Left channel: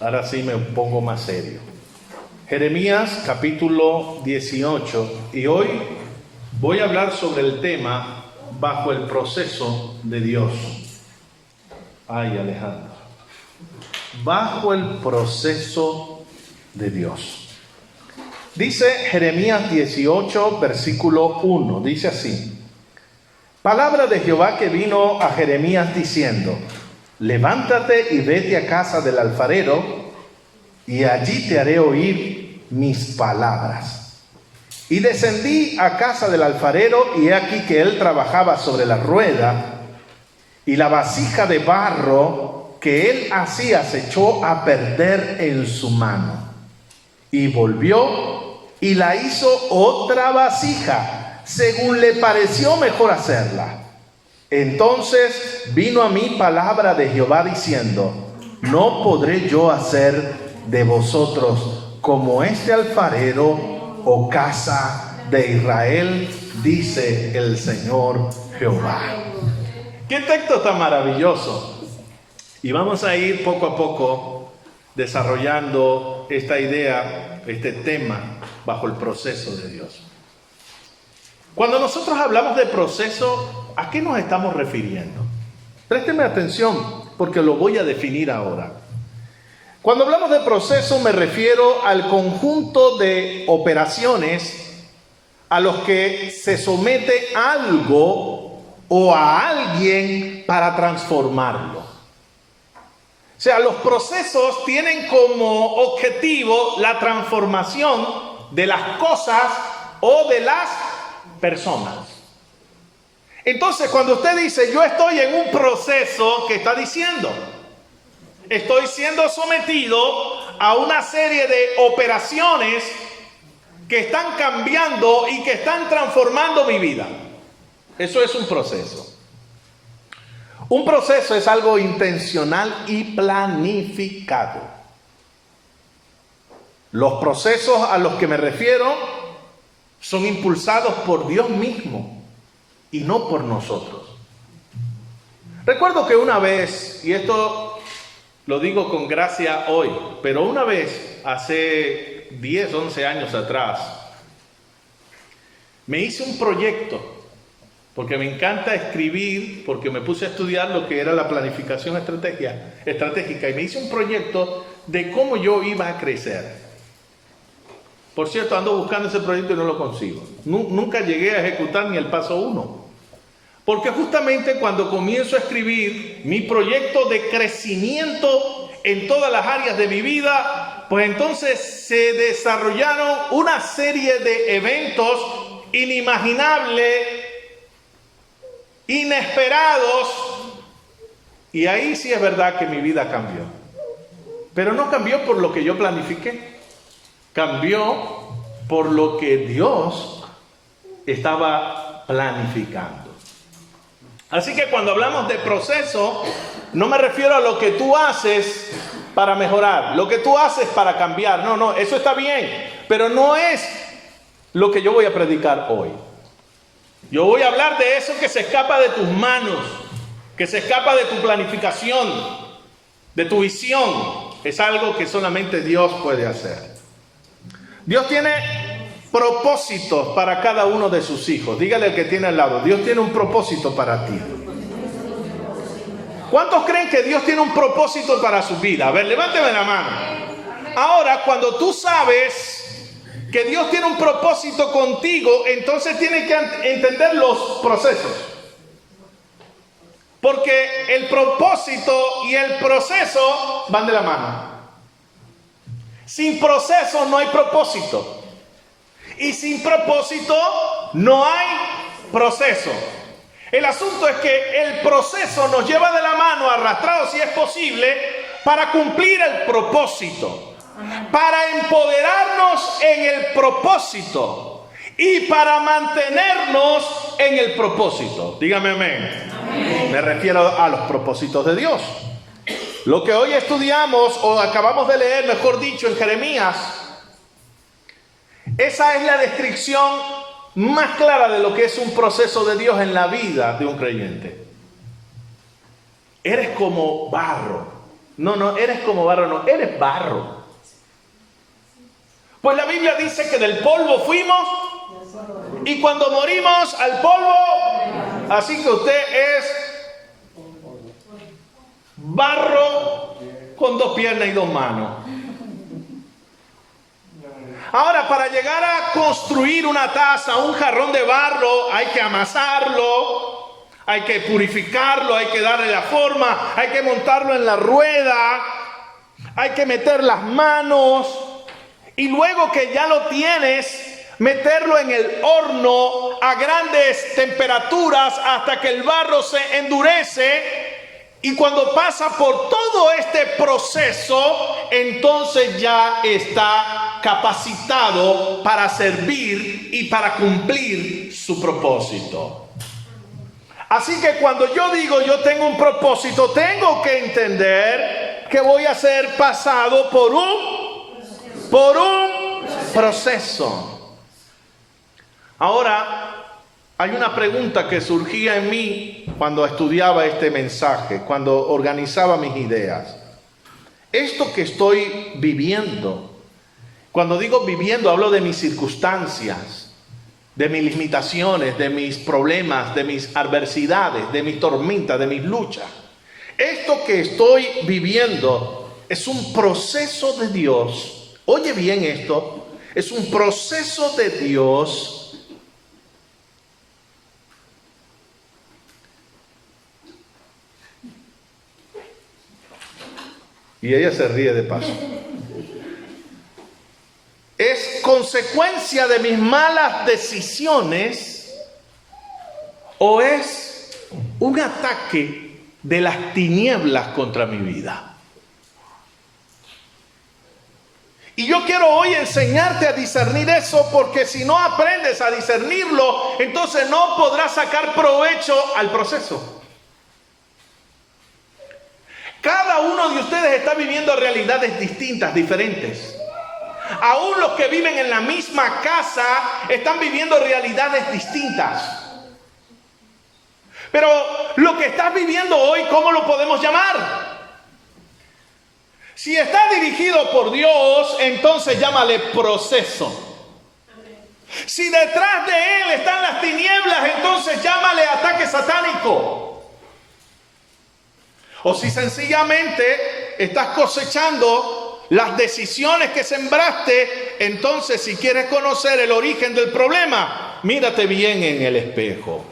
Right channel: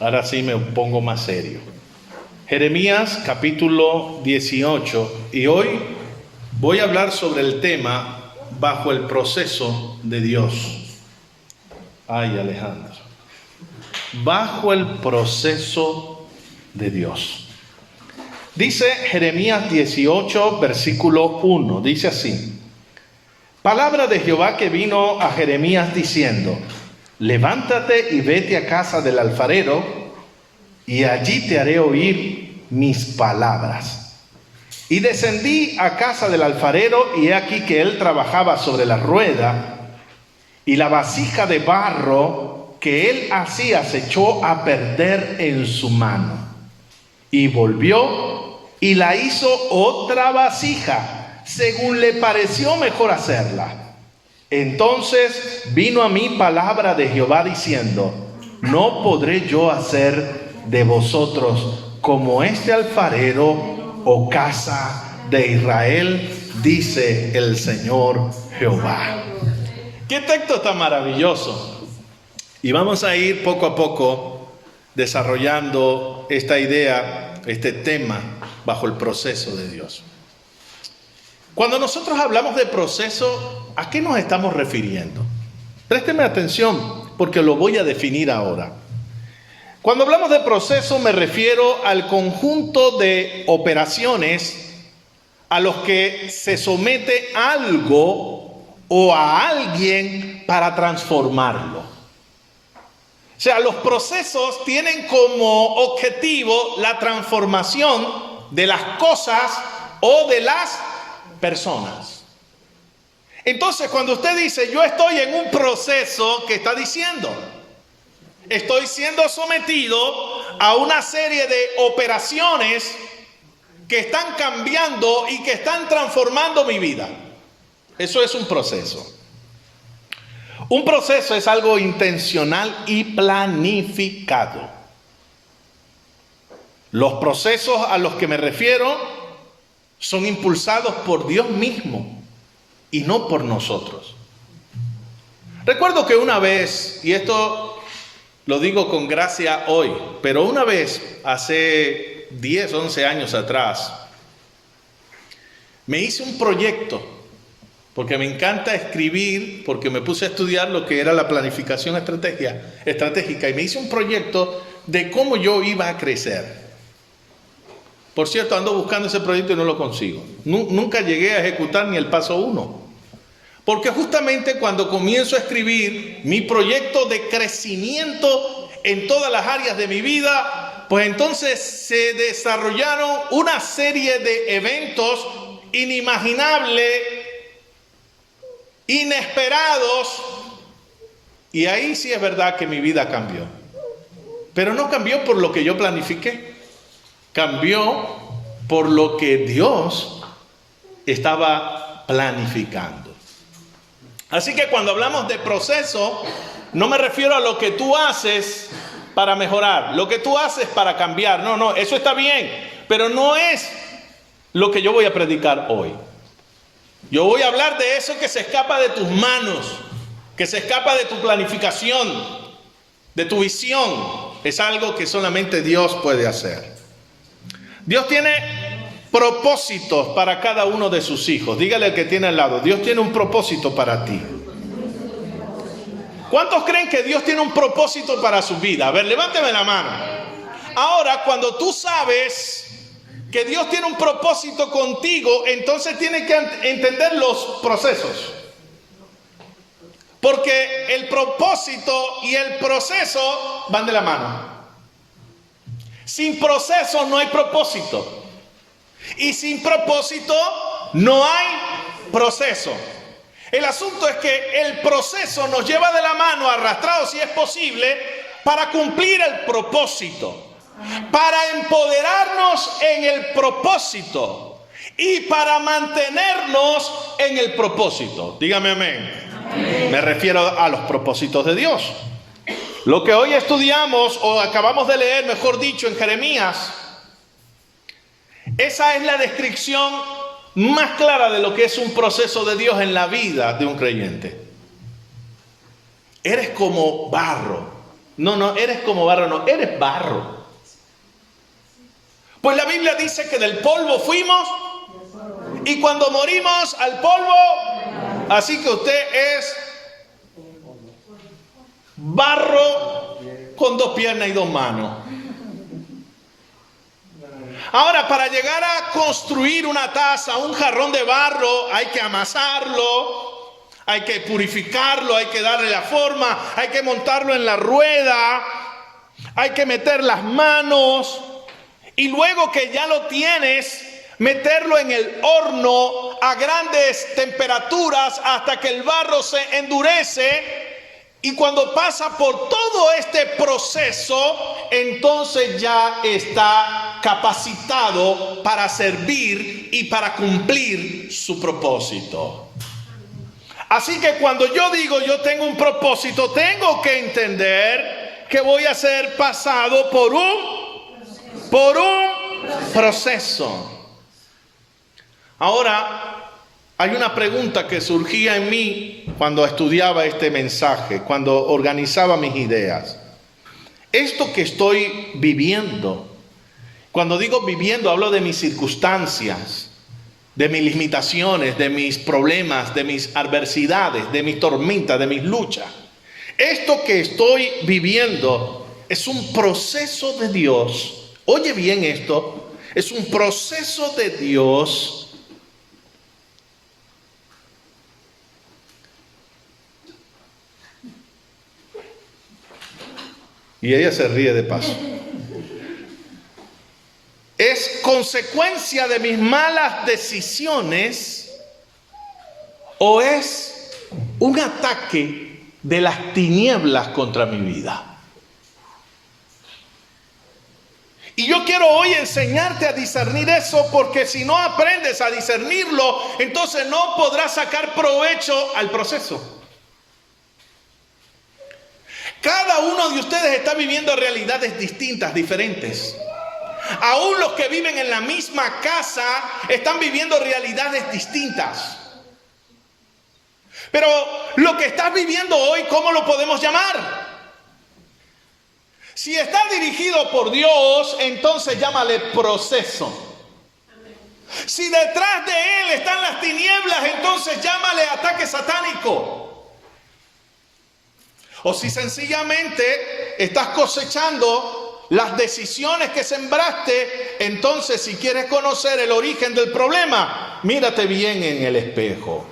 Ahora sí me pongo más serio. Jeremías capítulo 18, y hoy voy a hablar sobre el tema bajo el proceso de Dios. Ay, Alejandro. Bajo el proceso de Dios. Dice Jeremías 18, versículo 1, dice así: palabra de Jehová que vino a Jeremías diciendo: levántate y vete a casa del alfarero, y allí te haré oír mis palabras. Y descendí a casa del alfarero, y he aquí que él trabajaba sobre la rueda, y la vasija de barro que él hacía se echó a perder en su mano. Y volvió y la hizo otra vasija, según le pareció mejor hacerla. Entonces vino a mí palabra de Jehová diciendo: no podré yo hacer de vosotros como este alfarero, oh casa de Israel, dice el Señor Jehová. Qué texto tan maravilloso. Y vamos a ir poco a poco desarrollando esta idea, este tema bajo el proceso de Dios. Cuando nosotros hablamos de proceso, ¿a qué nos estamos refiriendo? Présteme atención porque lo voy a definir ahora. Cuando hablamos de proceso me refiero al conjunto de operaciones a los que se somete algo o a alguien para transformarlo. O sea, los procesos tienen como objetivo la transformación de las cosas o de las personas. Entonces, cuando usted dice yo estoy en un proceso, ¿qué está diciendo? Estoy siendo sometido a una serie de operaciones que están cambiando y que están transformando mi vida. Eso es un proceso. Un proceso es algo intencional y planificado. Los procesos a los que me refiero son impulsados por Dios mismo y no por nosotros. Recuerdo que una vez, y esto lo digo con gracia hoy, pero una vez, hace 10, 11 años atrás, me hice un proyecto. Porque me encanta escribir, porque me puse a estudiar lo que era la planificación estratégica y me hice un proyecto de cómo yo iba a crecer. Por cierto, ando buscando ese proyecto y no lo consigo. Nunca llegué a ejecutar ni el paso 1. Porque justamente cuando comienzo a escribir mi proyecto de crecimiento en todas las áreas de mi vida, pues entonces se desarrollaron una serie de eventos inimaginables, inesperados, y ahí sí es verdad que mi vida cambió. Pero no cambió por lo que yo planifiqué, cambió por lo que Dios estaba planificando. Así que cuando hablamos de proceso, no me refiero a lo que tú haces para mejorar, lo que tú haces para cambiar. No, eso está bien, pero no es lo que yo voy a predicar hoy. Yo voy a hablar de eso que se escapa de tus manos, que se escapa de tu planificación, de tu visión. Es algo que solamente Dios puede hacer. Dios tiene propósitos para cada uno de sus hijos. Dígale al que tiene al lado: Dios tiene un propósito para ti. ¿Cuántos creen que Dios tiene un propósito para su vida? A ver, levánteme la mano. Ahora, cuando tú sabes que Dios tiene un propósito contigo, entonces tienes que entender los procesos. Porque el propósito y el proceso van de la mano. Sin proceso no hay propósito. Y sin propósito no hay proceso. El asunto es que el proceso nos lleva de la mano, arrastrados si es posible, para cumplir el propósito. Para empoderarnos en el propósito y para mantenernos en el propósito. Dígame amén. Amén. Me refiero a los propósitos de Dios. Lo que hoy estudiamos, o acabamos de leer, mejor dicho, en Jeremías, esa es la descripción más clara de lo que es un proceso de Dios en la vida de un creyente. Eres como barro No, eres como barro, no, eres barro. Pues la Biblia dice que del polvo fuimos y cuando morimos al polvo, así que usted es barro con 2 piernas y 2 manos. Ahora, para llegar a construir una taza, un jarrón de barro, hay que amasarlo, hay que purificarlo, hay que darle la forma, hay que montarlo en la rueda, hay que meter las manos y luego que ya lo tienes, meterlo en el horno a grandes temperaturas hasta que el barro se endurece. Y cuando pasa por todo este proceso, entonces ya está capacitado para servir y para cumplir su propósito. Así que cuando yo digo yo tengo un propósito, tengo que entender que voy a ser pasado por un proceso. Ahora, hay una pregunta que surgía en mí cuando estudiaba este mensaje, cuando organizaba mis ideas. Esto que estoy viviendo, cuando digo viviendo, hablo de mis circunstancias, de mis limitaciones, de mis problemas, de mis adversidades, de mis tormentas, de mis luchas. Esto que estoy viviendo es un proceso de Dios. Oye bien esto, es un proceso de Dios. Y ella se ríe de paso. ¿Es consecuencia de mis malas decisiones o es un ataque de las tinieblas contra mi vida? Y yo quiero hoy enseñarte a discernir eso, porque si no aprendes a discernirlo, entonces no podrás sacar provecho al proceso. Cada uno de ustedes está viviendo realidades distintas, diferentes. Aún los que viven en la misma casa están viviendo realidades distintas. Pero lo que estás viviendo hoy, ¿cómo lo podemos llamar? Si está dirigido por Dios, entonces llámale proceso. Si detrás de él están las tinieblas, entonces llámale ataque satánico. O si sencillamente estás cosechando las decisiones que sembraste, entonces si quieres conocer el origen del problema, mírate bien en el espejo.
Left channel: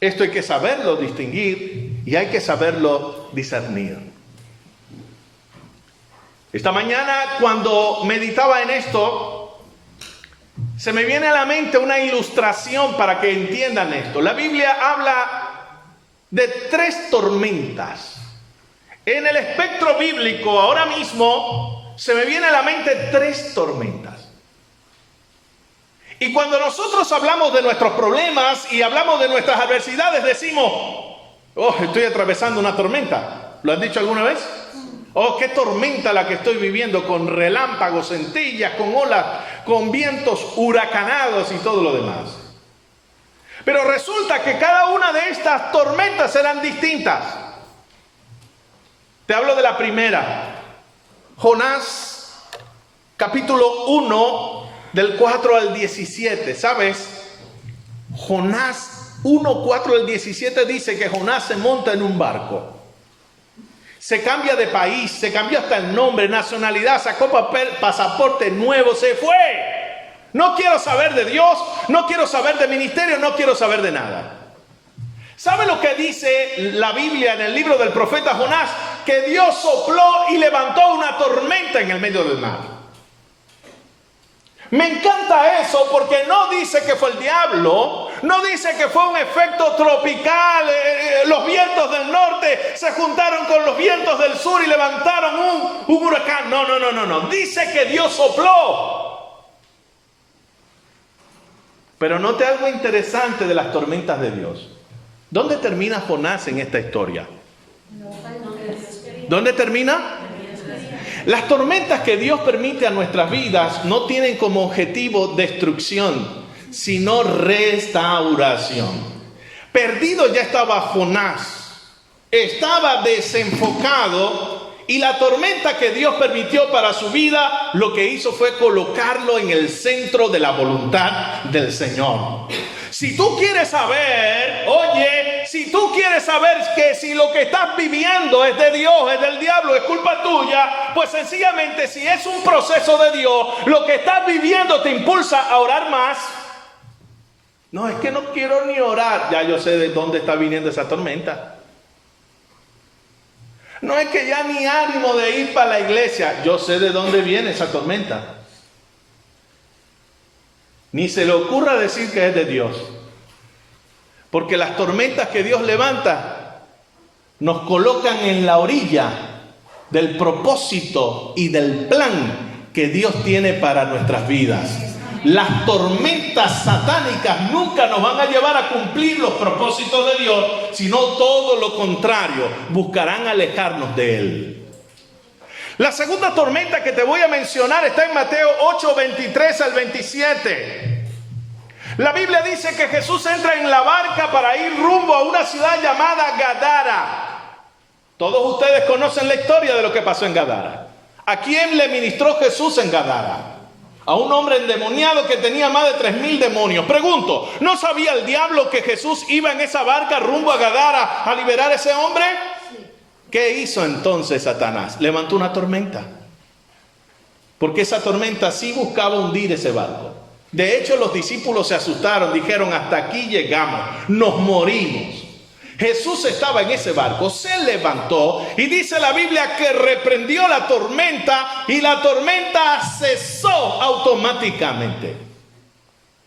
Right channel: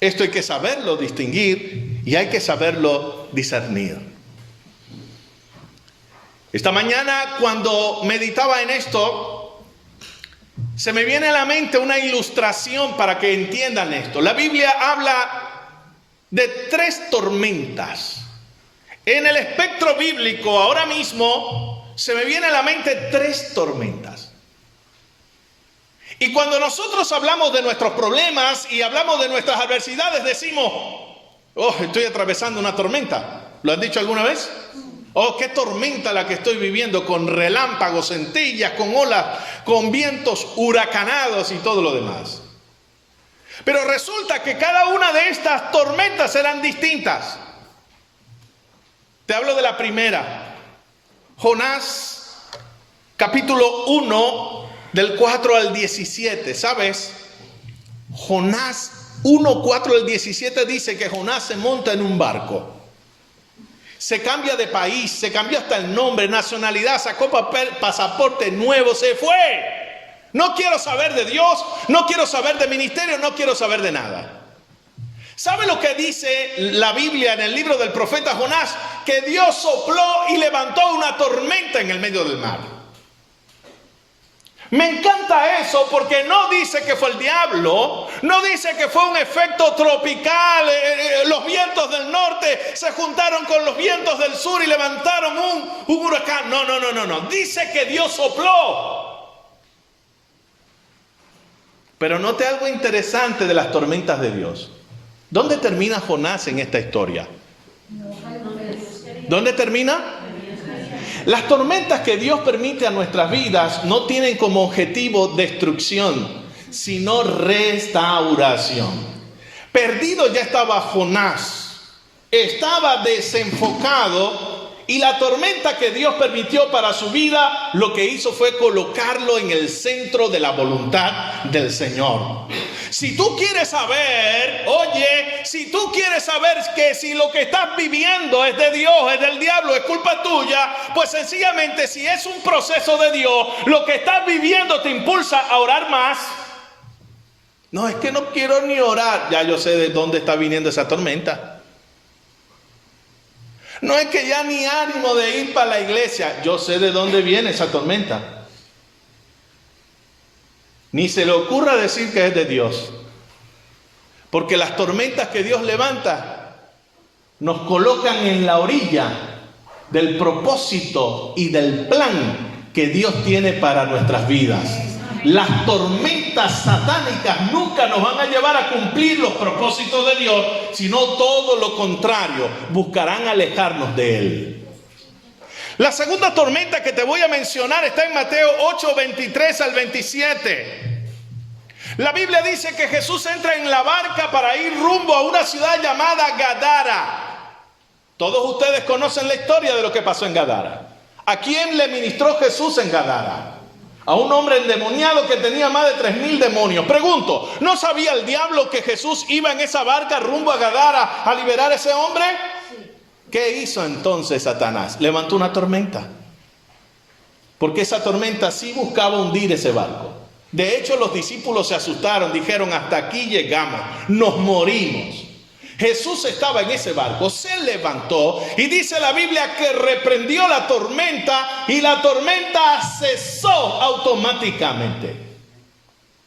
Esto hay que saberlo distinguir y hay que saberlo discernir. Esta mañana, cuando meditaba en esto, se me viene a la mente una ilustración para que entiendan esto. La Biblia habla de 3 tormentas. En el espectro bíblico, ahora mismo, se me viene a la mente 3 tormentas. Y cuando nosotros hablamos de nuestros problemas y hablamos de nuestras adversidades, decimos, oh, estoy atravesando una tormenta. ¿Lo has dicho alguna vez? Oh, qué tormenta la que estoy viviendo, con relámpagos, centellas, con olas, con vientos huracanados y todo lo demás. Pero resulta que cada una de estas tormentas eran distintas. Te hablo de la primera. Jonás, capítulo 1, del 4 al 17. ¿Sabes? Jonás 1, 4 al 17 dice que Jonás se monta en un barco. Se cambia de país, se cambió hasta el nombre, nacionalidad, sacó pasaporte nuevo, se fue. No quiero saber de Dios, no quiero saber de ministerio, no quiero saber de nada. ¿Sabe lo que dice la Biblia en el libro del profeta Jonás? Que Dios sopló y levantó una tormenta en el medio del mar. Me encanta eso porque no dice que fue el diablo, no dice que fue un efecto tropical, los vientos del norte se juntaron con los vientos del sur y levantaron un huracán. No. Dice que Dios sopló. Pero note algo interesante de las tormentas de Dios. ¿Dónde termina Jonás en esta historia? ¿Dónde termina? Las tormentas que Dios permite a nuestras vidas no tienen como objetivo destrucción, sino restauración. Perdido ya estaba Jonás. estaba desenfocado y la tormenta que Dios permitió para su vida, lo que hizo fue colocarlo en el centro de la voluntad del Señor. Si tú quieres saber, si tú quieres saber que si lo que estás viviendo es de Dios, es del diablo, es culpa tuya, pues sencillamente si es un proceso de Dios, lo que estás viviendo te impulsa a orar más. No, es que no quiero ni orar. Ya yo sé de dónde está viniendo esa tormenta. No es que ya ni ánimo de ir para la iglesia. Yo sé de dónde viene esa tormenta. Ni se le ocurra decir que es de Dios. Porque las tormentas que Dios levanta nos colocan en la orilla del propósito y del plan que Dios tiene para nuestras vidas. Las tormentas satánicas nunca nos van a llevar a cumplir los propósitos de Dios, sino todo lo contrario, buscarán alejarnos de Él. La segunda tormenta que te voy a mencionar está en Mateo 8, 23 al 27. La Biblia dice que Jesús entra en la barca para ir rumbo a una ciudad llamada Gadara. Todos ustedes conocen la historia de lo que pasó en Gadara. ¿A quién le ministró Jesús en Gadara? A un hombre endemoniado que tenía más de 3,000 demonios. Pregunto, ¿no sabía el diablo que Jesús iba en esa barca rumbo a Gadara a liberar a ese hombre? ¿Qué hizo entonces Satanás? Levantó una tormenta. Porque esa tormenta sí buscaba hundir ese barco. De hecho, los discípulos se asustaron, dijeron, hasta aquí llegamos, nos morimos. Jesús estaba en ese barco, se levantó y dice la Biblia que reprendió la tormenta y la tormenta cesó automáticamente.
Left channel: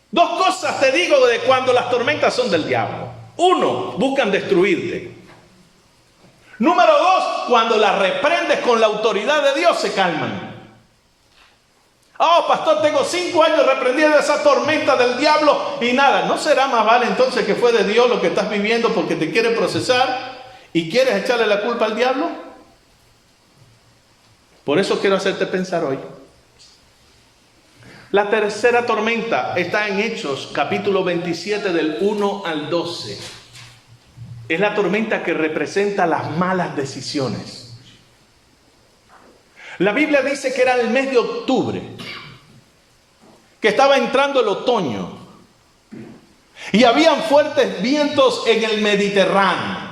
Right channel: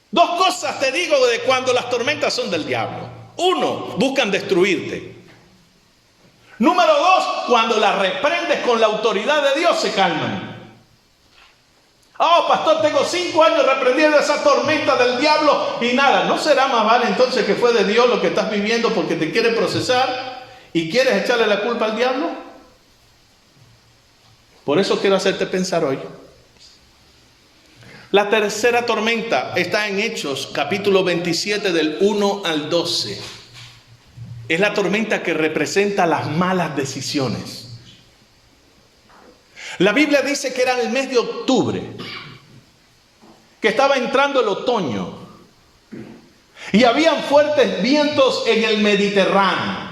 Dos cosas te digo de cuando las tormentas son del diablo. Uno, buscan destruirte. Número dos, cuando las reprendes con la autoridad de Dios se calman. Oh, pastor, tengo 5 años reprendiendo esa tormenta del diablo y nada. ¿No será más vale entonces que fue de Dios lo que estás viviendo porque te quiere procesar y quieres echarle la culpa al diablo? Por eso quiero hacerte pensar hoy. La tercera tormenta está en Hechos, capítulo 27, del 1 al 12. Es la tormenta que representa las malas decisiones. La Biblia dice que era el mes de octubre, que estaba entrando el otoño y habían fuertes vientos en el Mediterráneo.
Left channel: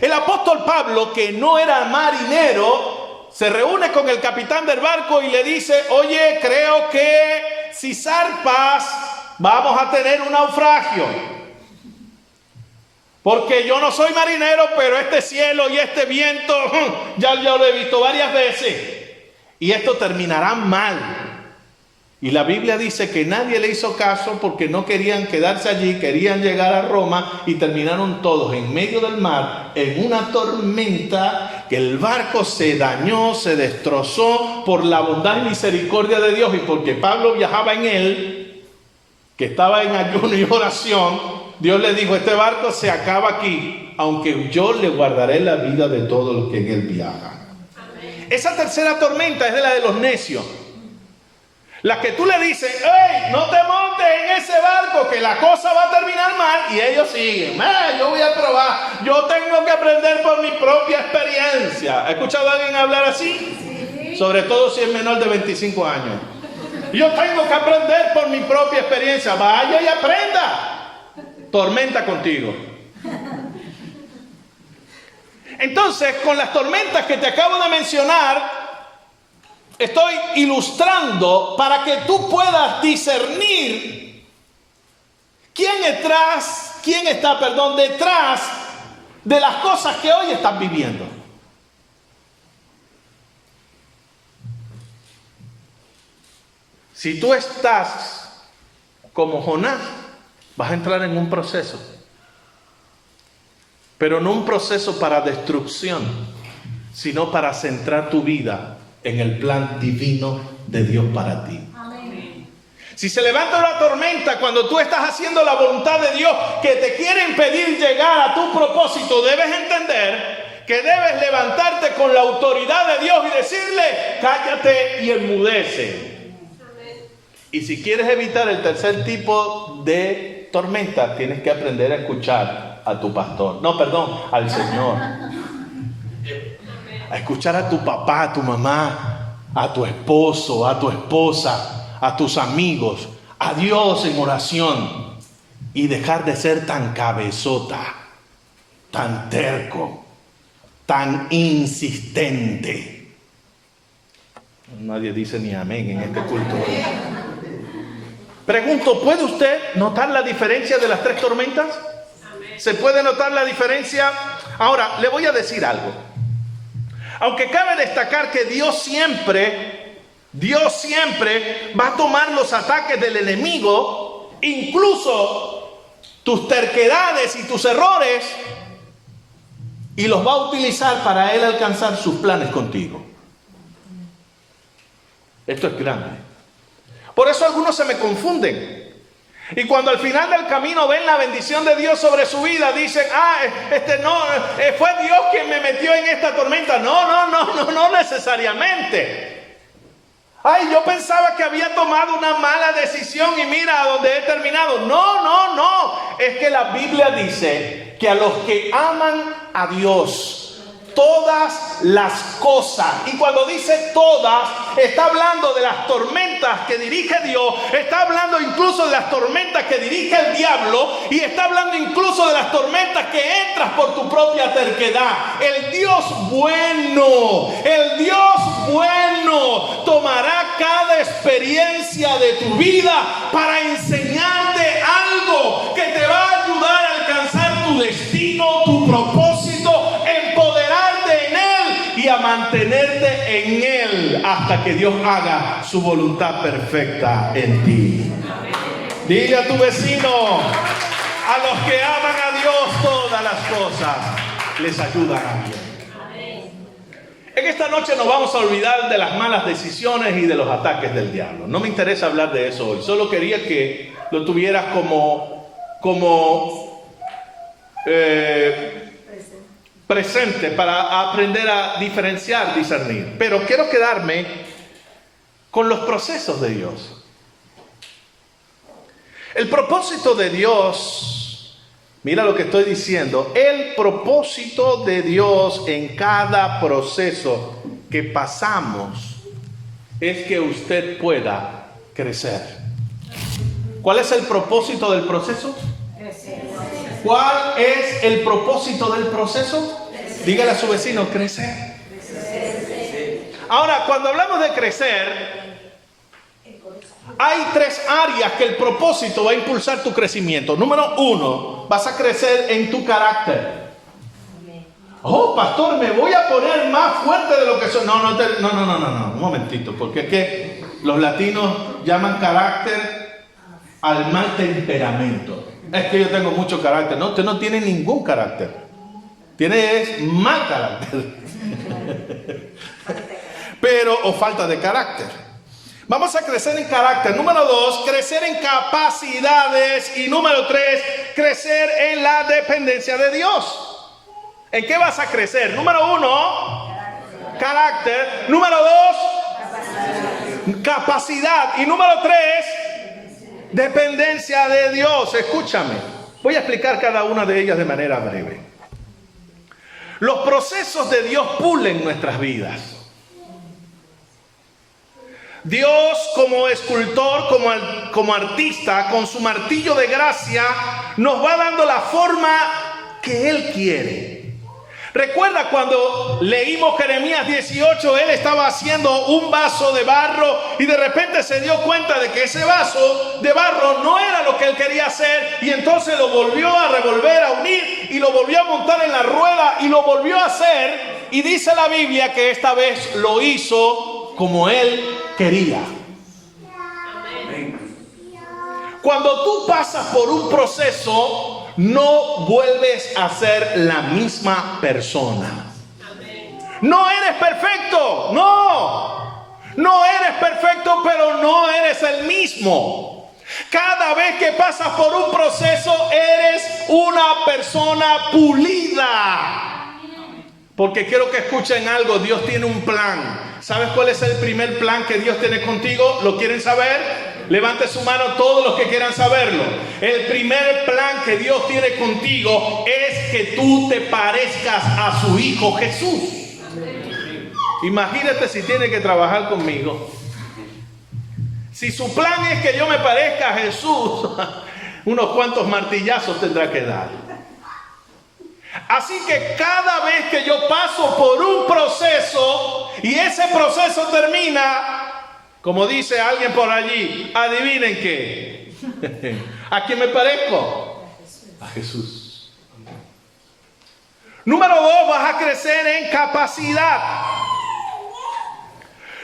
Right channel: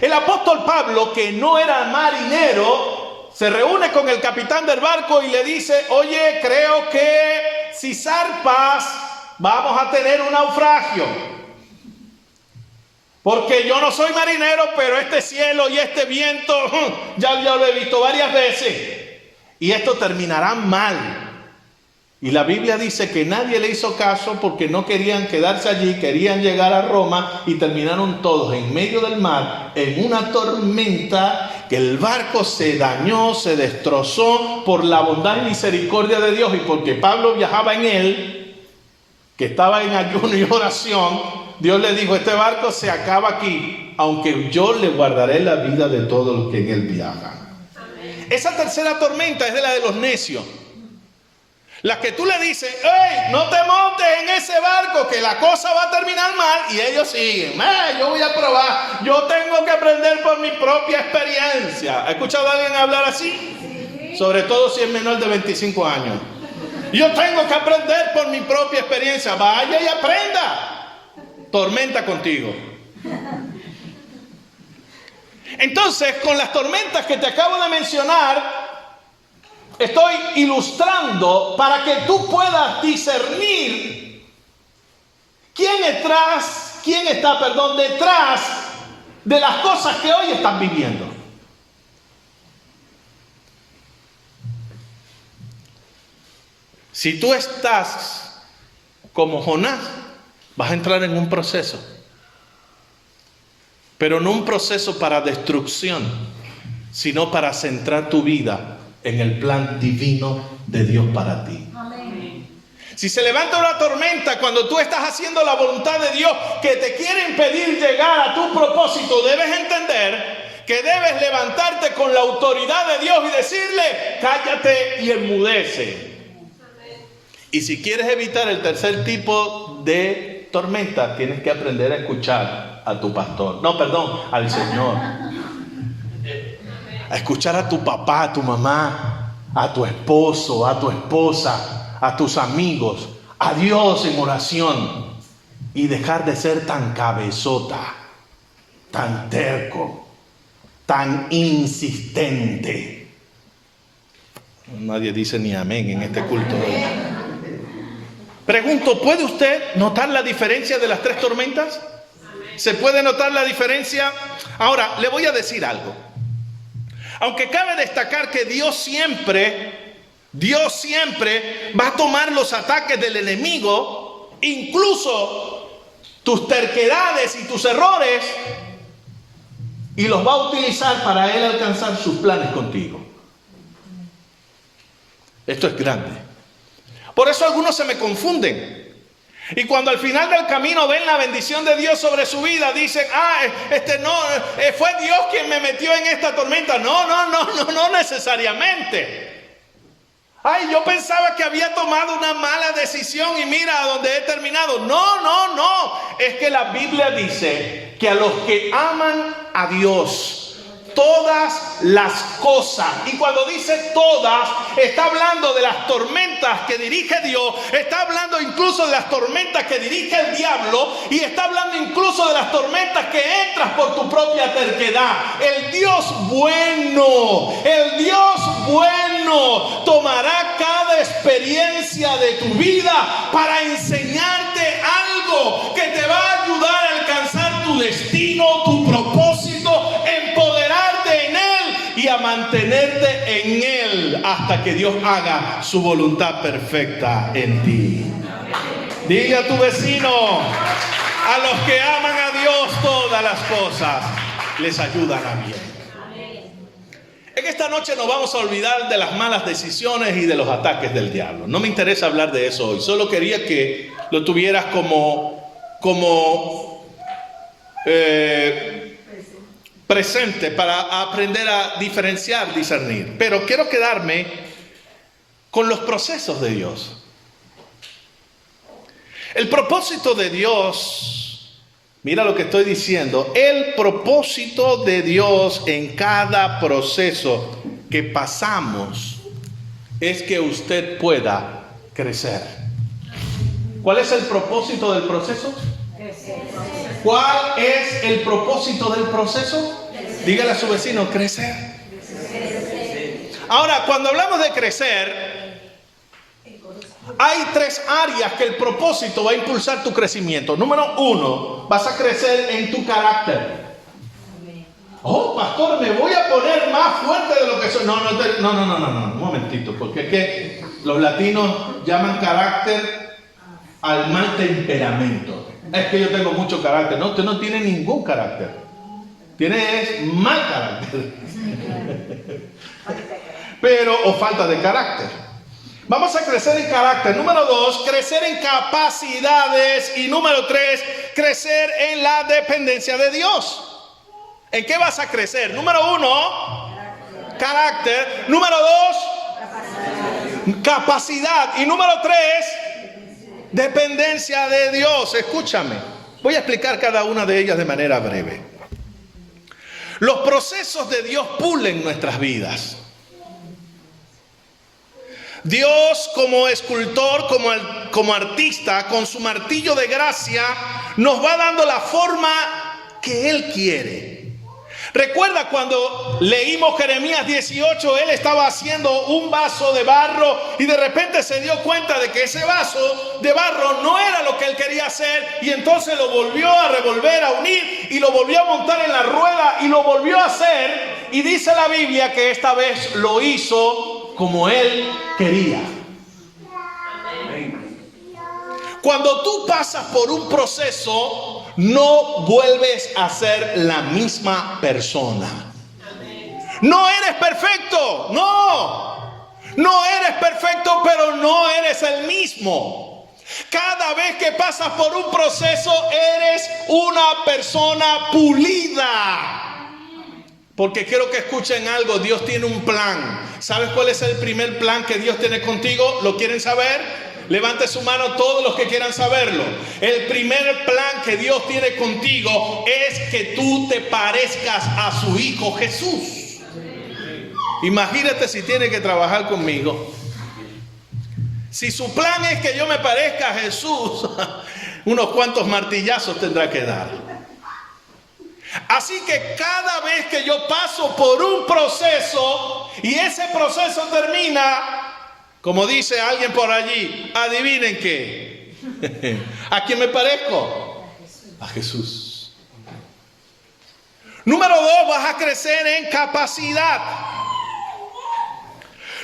El apóstol Pablo, que no era marinero, se reúne con el capitán del barco y le dice, oye, creo que si zarpas vamos a tener un naufragio. Porque yo no soy marinero, pero este cielo y este viento, ya lo he visto varias veces. Y esto terminará mal. Y la Biblia dice que nadie le hizo caso porque no querían quedarse allí, querían llegar a Roma y terminaron todos en medio del mar, en una tormenta, que el barco se dañó, se destrozó por la bondad y misericordia de Dios y porque Pablo viajaba en él, que estaba en ayuno y oración. Dios le dijo, este barco se acaba aquí, aunque yo le guardaré la vida de todos los que en él viajan. Esa tercera tormenta es de la de los necios. La que tú le dices, ¡hey, no te montes en ese barco que la cosa va a terminar mal! Y ellos siguen, yo voy a probar, yo tengo que aprender por mi propia experiencia. ¿Ha escuchado a alguien hablar así? Sí. Sobre todo si es menor de 25 años. Yo tengo que aprender por mi propia experiencia. Vaya y aprenda. Tormenta contigo. Entonces, con las tormentas que te acabo de mencionar, estoy ilustrando para que tú puedas discernir quién está detrás de las cosas que hoy estás viviendo. Si tú estás como Jonás, vas a entrar en un proceso, pero no un proceso para destrucción, sino para centrar tu vida en el plan divino de Dios para ti. Amén. Si se levanta una tormenta cuando tú estás haciendo la voluntad de Dios que te quiere impedir llegar a tu propósito, debes entender que debes levantarte con la autoridad de Dios y decirle, cállate y enmudece. Y si quieres evitar el tercer tipo de tormenta, tienes que aprender a escuchar a tu pastor. No, perdón, al Señor. A escuchar a tu papá, a tu mamá, a tu esposo, a tu esposa, a tus amigos, a Dios en oración. Y dejar de ser tan cabezota, tan terco, tan insistente. Nadie dice ni amén en este culto. Pregunto, ¿puede usted notar la diferencia de las tres tormentas? ¿Se puede notar la diferencia? Ahora, le voy a decir algo. Aunque cabe destacar que Dios siempre va a tomar los ataques del enemigo, incluso tus terquedades y tus errores, y los va a utilizar para Él alcanzar sus planes contigo. Esto es grande. Por eso algunos se me confunden. Y cuando al final del camino ven la bendición de Dios sobre su vida, dicen, fue Dios quien me metió en esta tormenta. No necesariamente. Ay, yo pensaba que había tomado una mala decisión y mira a dónde he terminado. No. Es que la Biblia dice que a los que aman a Dios, todas las cosas, y cuando dice todas, está hablando de las tormentas que dirige Dios, está hablando incluso de las tormentas que dirige el diablo, y está hablando incluso de las tormentas que entras por tu propia terquedad. El Dios bueno tomará cada experiencia de tu vida para enseñarte algo que te va a ayudar a alcanzar tu destino, tu propósito, empoderarte en Él y a mantenerte en Él hasta que Dios haga su voluntad perfecta en ti. Diga a tu vecino, a los que aman a Dios todas las cosas les ayudan a bien. En esta noche nos vamos a olvidar de las malas decisiones y de los ataques del diablo. No me interesa hablar de eso hoy. Solo quería que lo tuvieras como presente para aprender a diferenciar, discernir. Pero quiero quedarme con los procesos de Dios. El propósito de Dios, mira lo que estoy diciendo, el propósito de Dios en cada proceso que pasamos es que usted pueda crecer. ¿Cuál es el propósito del proceso? ¿Cuál es el propósito del proceso? Dígale a su vecino, crecer. Ahora, cuando hablamos de crecer, hay tres áreas que el propósito va a impulsar tu crecimiento. Número 1, vas a crecer en tu carácter. Oh, pastor, me voy a poner más fuerte de lo que soy. No, un momentito, porque es que los latinos llaman carácter al mal temperamento. Es que yo tengo mucho carácter. No, usted no tiene ningún carácter. Tiene mal carácter. O falta de carácter. Vamos a crecer en carácter. Número 2, crecer en capacidades. Y número 3, crecer en la dependencia de Dios. ¿En qué vas a crecer? Número 1, carácter. Número 2, capacidad. Y número 3, dependencia de Dios. Escúchame. Voy a explicar cada una de ellas de manera breve. Los procesos de Dios pulen nuestras vidas. Dios, como escultor, como artista, con su martillo de gracia, nos va dando la forma que Él quiere. Recuerda cuando leímos Jeremías 18, él estaba haciendo un vaso de barro y de repente se dio cuenta de que ese vaso de barro no era lo que él quería hacer, y entonces lo volvió a revolver, a unir, y lo volvió a montar en la rueda y lo volvió a hacer, y dice la Biblia que esta vez lo hizo como él quería. Cuando tú pasas por un proceso, no vuelves a ser la misma persona. No eres perfecto, no eres perfecto, pero no eres el mismo. Cada vez que pasas por un proceso, eres una persona pulida. Porque quiero que escuchen algo. Dios tiene un plan. ¿Sabes cuál es el primer plan que Dios tiene contigo? ¿Lo quieren saber? Levante su mano todos los que quieran saberlo. El primer plan que Dios tiene contigo es que tú te parezcas a su Hijo Jesús. Imagínate si tiene que trabajar conmigo. Si su plan es que yo me parezca a Jesús, unos cuantos martillazos tendrá que dar. Así que cada vez que yo paso por un proceso y ese proceso termina, como dice alguien por allí, adivinen qué. ¿A quién me parezco? A Jesús. Número 2, vas a crecer en capacidad.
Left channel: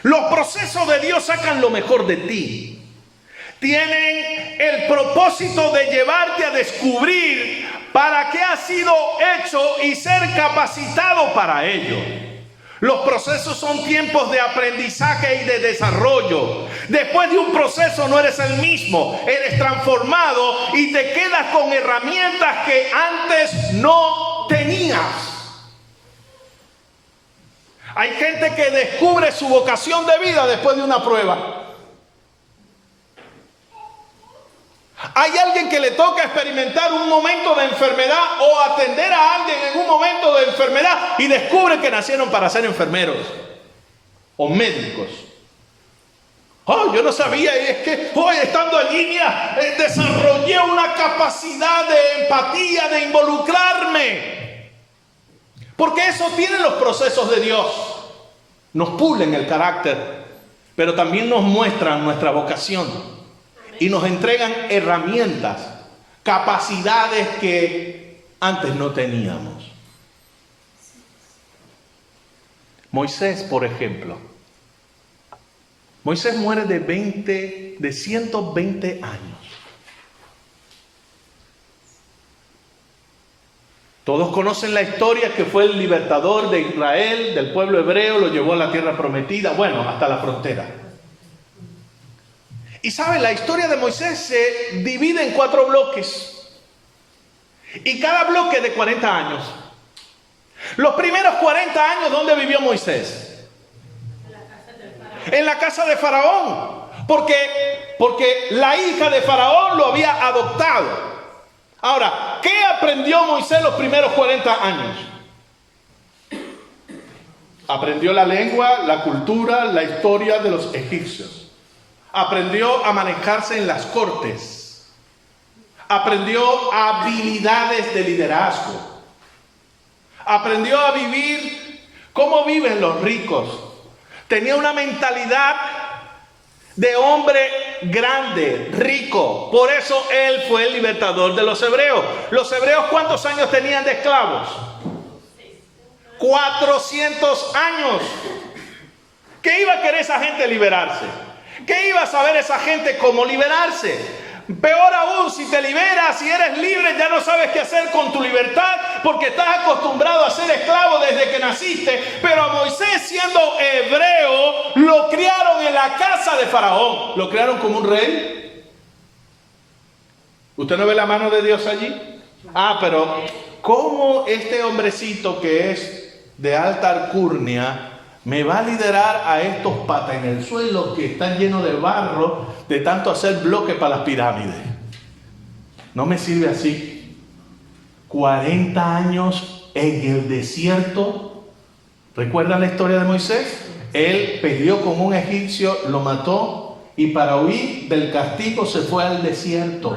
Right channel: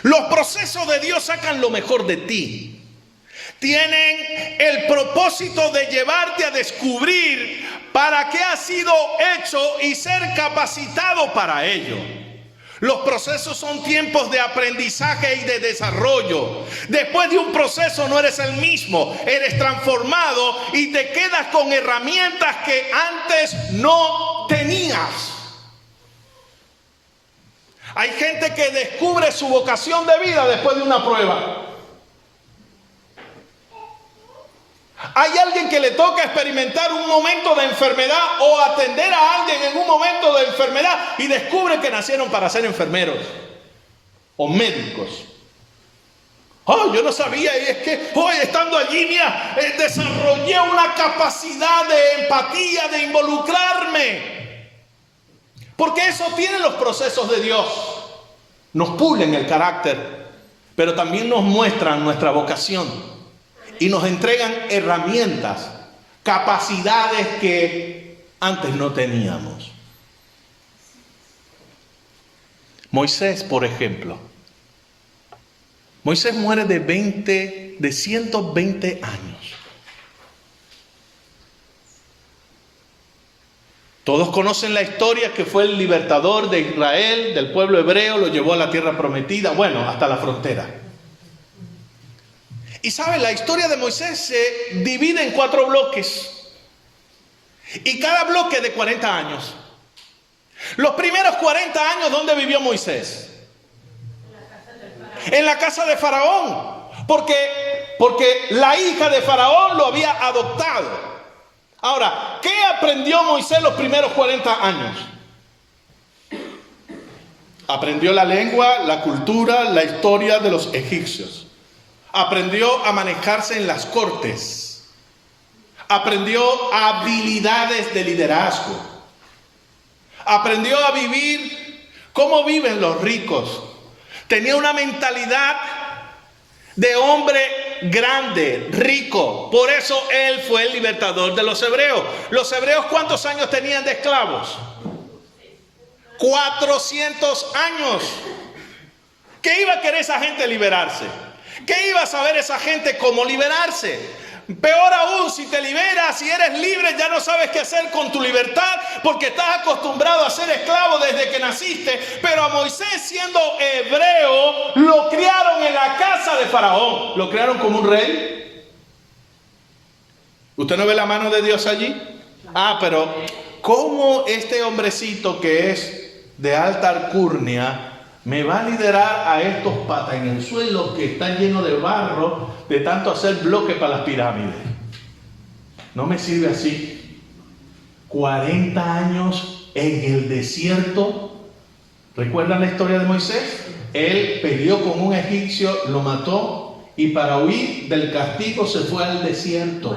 Los procesos de Dios sacan lo mejor de ti. Tienen el propósito de llevarte a descubrir para qué has sido hecho y ser capacitado para ello. Los procesos son tiempos de aprendizaje y de desarrollo. Después de un proceso no eres el mismo, eres transformado y te quedas con herramientas que antes no tenías. Hay gente que descubre su vocación de vida después de una prueba. Hay alguien que le toca experimentar un momento de enfermedad o atender a alguien en un momento de enfermedad y descubre que nacieron para ser enfermeros o médicos. Oh, yo no sabía, y es que hoy estando allí mira, desarrollé una capacidad de empatía, de involucrarme. Porque eso tienen los procesos de Dios. Nos pulen el carácter, pero también nos muestran nuestra vocación. Y nos entregan herramientas, capacidades que antes no teníamos. Moisés, por ejemplo. Moisés muere de 120 años. Todos conocen la historia que fue el libertador de Israel, del pueblo hebreo, lo llevó a la tierra prometida, bueno, hasta la frontera. Y saben, la historia de Moisés se divide en 4 bloques. Y cada bloque de 40 años. Los primeros 40 años, ¿dónde vivió Moisés? En la casa de Faraón. Porque la hija de Faraón lo había adoptado. Ahora, ¿qué aprendió Moisés los primeros 40 años? Aprendió la lengua, la cultura, la historia de los egipcios. Aprendió a manejarse en las cortes. Aprendió habilidades de liderazgo. Aprendió a vivir como viven los ricos. Tenía una mentalidad de hombre grande, rico. Por eso él fue el libertador de los hebreos. ¿Los hebreos cuántos años tenían de esclavos? 400 años. ¿Qué iba a querer esa gente liberarse? ¿Qué iba a saber esa gente cómo liberarse? Peor aún, si te liberas y eres libre, ya no sabes qué hacer con tu libertad porque estás acostumbrado a ser esclavo desde que naciste. Pero a Moisés, siendo hebreo, lo criaron en la casa de Faraón. ¿Lo criaron como un rey? ¿Usted no ve la mano de Dios allí? Ah, pero ¿cómo este hombrecito que es de alta alcurnia me va a liderar a estos patas en el suelo que están llenos de barro de tanto hacer bloques para las pirámides? No me sirve así. 40 años en el desierto. ¿Recuerdan la historia de Moisés? Él peleó con un egipcio, lo mató y para huir del castigo se fue al desierto.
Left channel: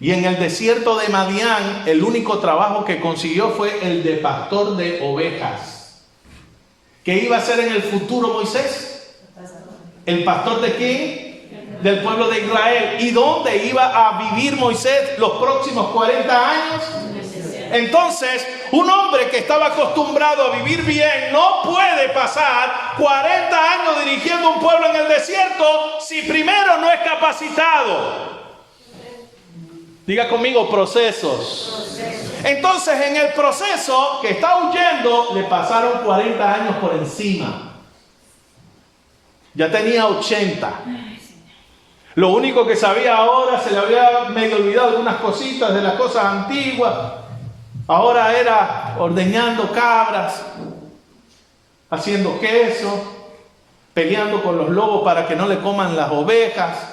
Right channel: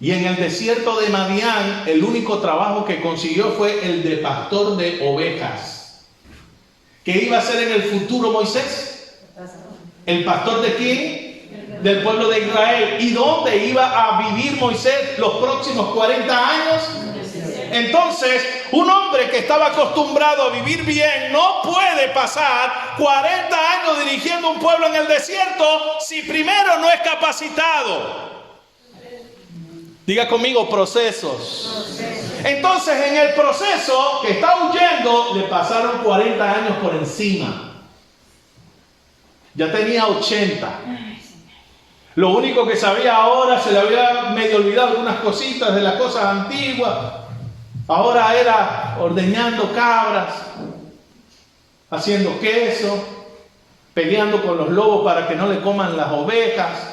Y en el desierto de Madián, el único trabajo que consiguió fue el de pastor de ovejas. ¿Qué iba a hacer en el futuro Moisés? ¿El pastor de quién? Del pueblo de Israel. ¿Y dónde iba a vivir Moisés los próximos 40 años? Entonces, un hombre que estaba acostumbrado a vivir bien no puede pasar 40 años dirigiendo un pueblo en el desierto si primero no es capacitado. Diga conmigo, procesos. Entonces, en el proceso que está huyendo, le pasaron 40 años por encima. Ya tenía 80. Lo único que sabía ahora, se le había medio olvidado algunas cositas de las cosas antiguas. Ahora era ordeñando cabras, haciendo queso, peleando con los lobos para que no le coman las ovejas.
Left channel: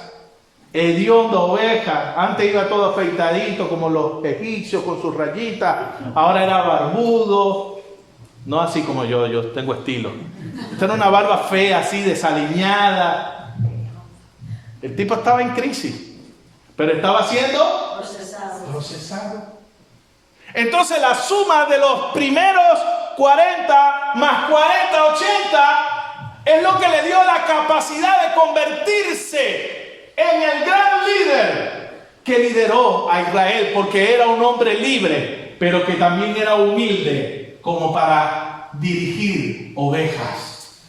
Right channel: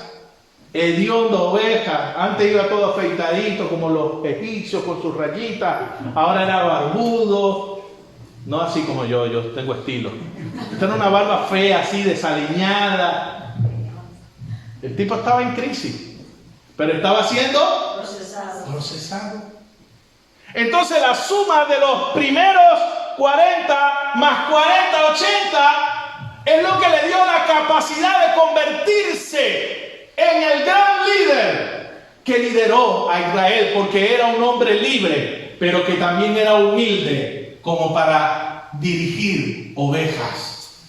hediondo oveja. Antes iba todo afeitadito como los egipcios con sus rayitas. Ahora era barbudo. No así como yo tengo estilo. Esta era una barba fea, así desaliñada. El tipo estaba en crisis, pero estaba siendo procesado. Entonces la suma de los primeros 40 más 40, 80 es lo que le dio la capacidad de convertirse en el gran líder que lideró a Israel, porque era un hombre libre, pero que también era humilde como para dirigir ovejas.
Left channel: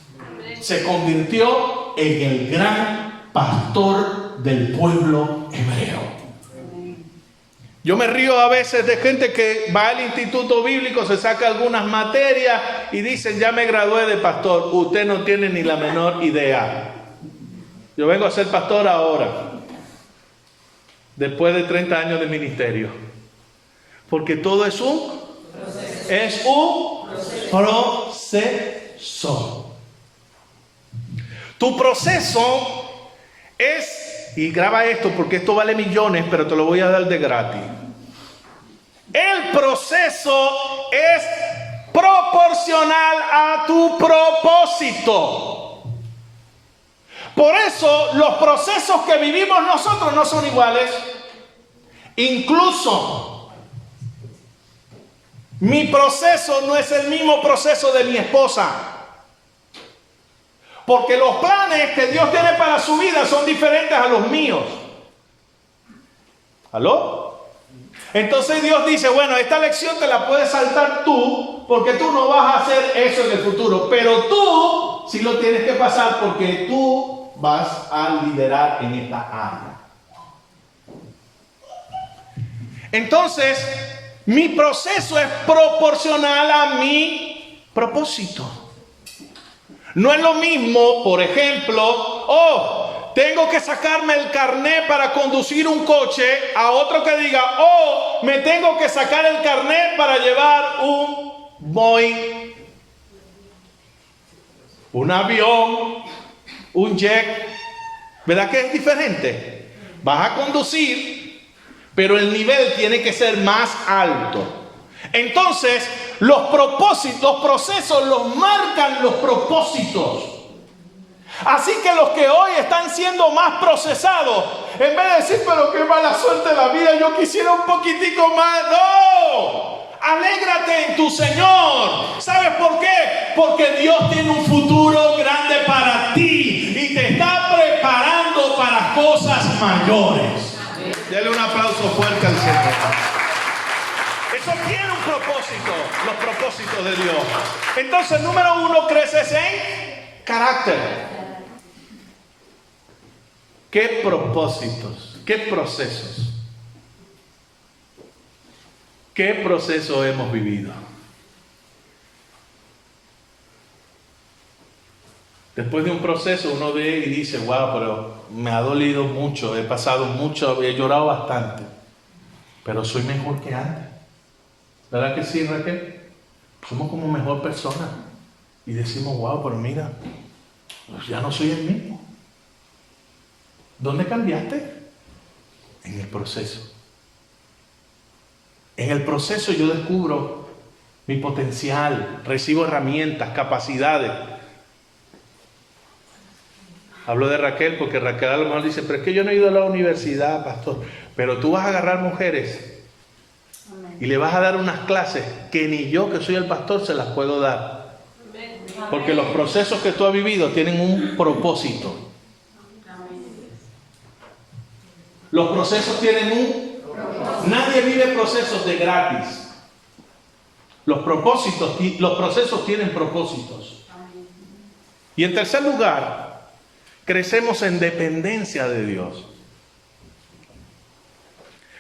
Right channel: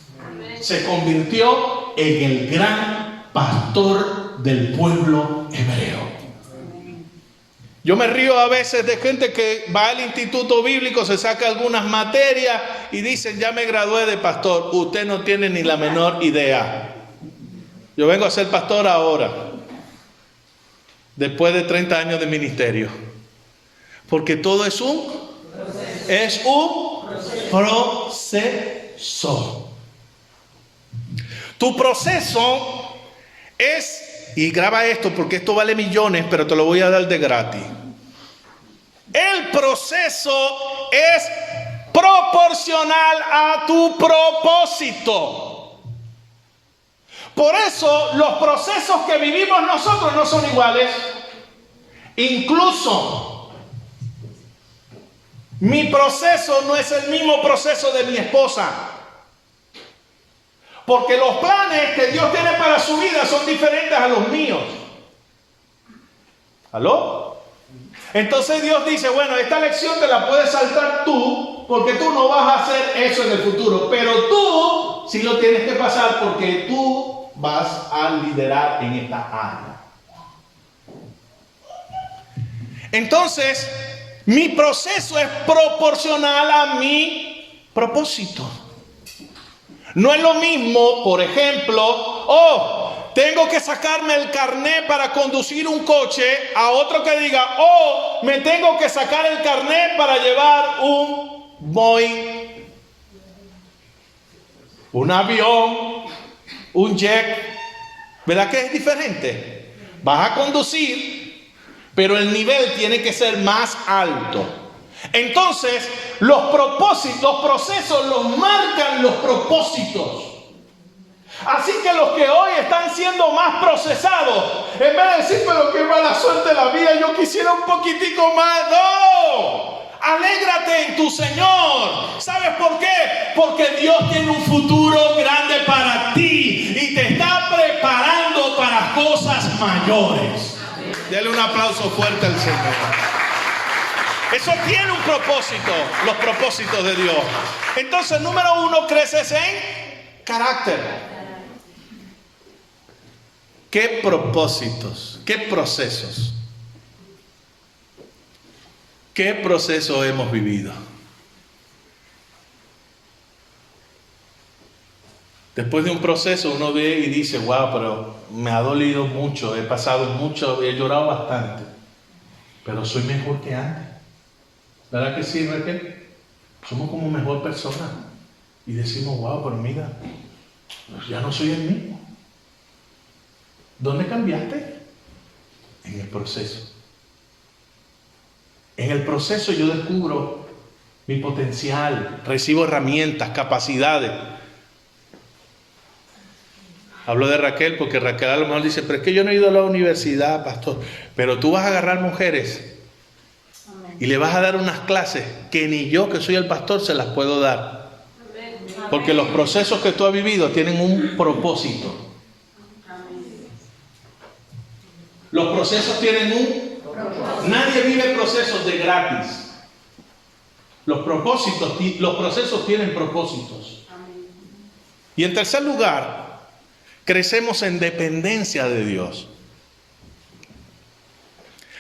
Se convirtió en el gran pastor del pueblo hebreo. Yo me río a veces de gente que va al instituto bíblico, se saca algunas materias y dicen, ya me gradué de pastor. Usted no tiene ni la menor idea. Yo vengo a ser pastor ahora, después de 30 años de ministerio. Porque todo es un proceso. Tu proceso es... Y graba esto porque esto vale millones, pero te lo voy a dar de gratis. El proceso es proporcional a tu propósito. Por eso los procesos que vivimos nosotros no son iguales. Incluso mi proceso no es el mismo proceso de mi esposa. Porque los planes que Dios tiene para su vida son diferentes a los míos. ¿Aló? Entonces Dios dice, bueno, esta lección te la puedes saltar tú, porque tú no vas a hacer eso en el futuro. Pero tú sí lo tienes que pasar, porque tú vas a liderar en esta área. Entonces, mi proceso es proporcional a mi propósito. No es lo mismo, por ejemplo, tengo que sacarme el carnet para conducir un coche, a otro que diga, me tengo que sacar el carnet para llevar un Boeing, un avión, un jet. ¿Verdad que es diferente? Vas a conducir, pero el nivel tiene que ser más alto. Entonces, los procesos los marcan los propósitos. Así que los que hoy están siendo más procesados, en vez de decir, pero qué mala suerte la vida, yo quisiera un poquitico más. ¡No! Alégrate en tu Señor. ¿Sabes por qué? Porque Dios tiene un futuro grande para ti y te está preparando para cosas mayores. Dale un aplauso fuerte al Señor. Eso tiene un propósito, los propósitos de Dios. Entonces, número 1, creces en carácter. ¿Qué propósitos? ¿Qué procesos? ¿Qué proceso hemos vivido? Después de un proceso uno ve y dice, wow, pero me ha dolido mucho, he pasado mucho, he llorado bastante, pero soy mejor que antes. ¿Verdad que sí, Raquel? Somos como mejor persona. Y decimos, wow, pero mira, pues ya no soy el mismo. ¿Dónde cambiaste? En el proceso. En el proceso yo descubro mi potencial, recibo herramientas, capacidades. Hablo de Raquel porque Raquel a lo mejor dice, pero es que yo no he ido a la universidad, pastor. Pero tú vas a agarrar mujeres y le vas a dar unas clases que ni yo, que soy el pastor, se las puedo dar. Porque los procesos que tú has vivido tienen un propósito. Los procesos tienen un... Nadie vive procesos de gratis. Los procesos tienen propósitos. Y en tercer lugar, crecemos en dependencia de Dios.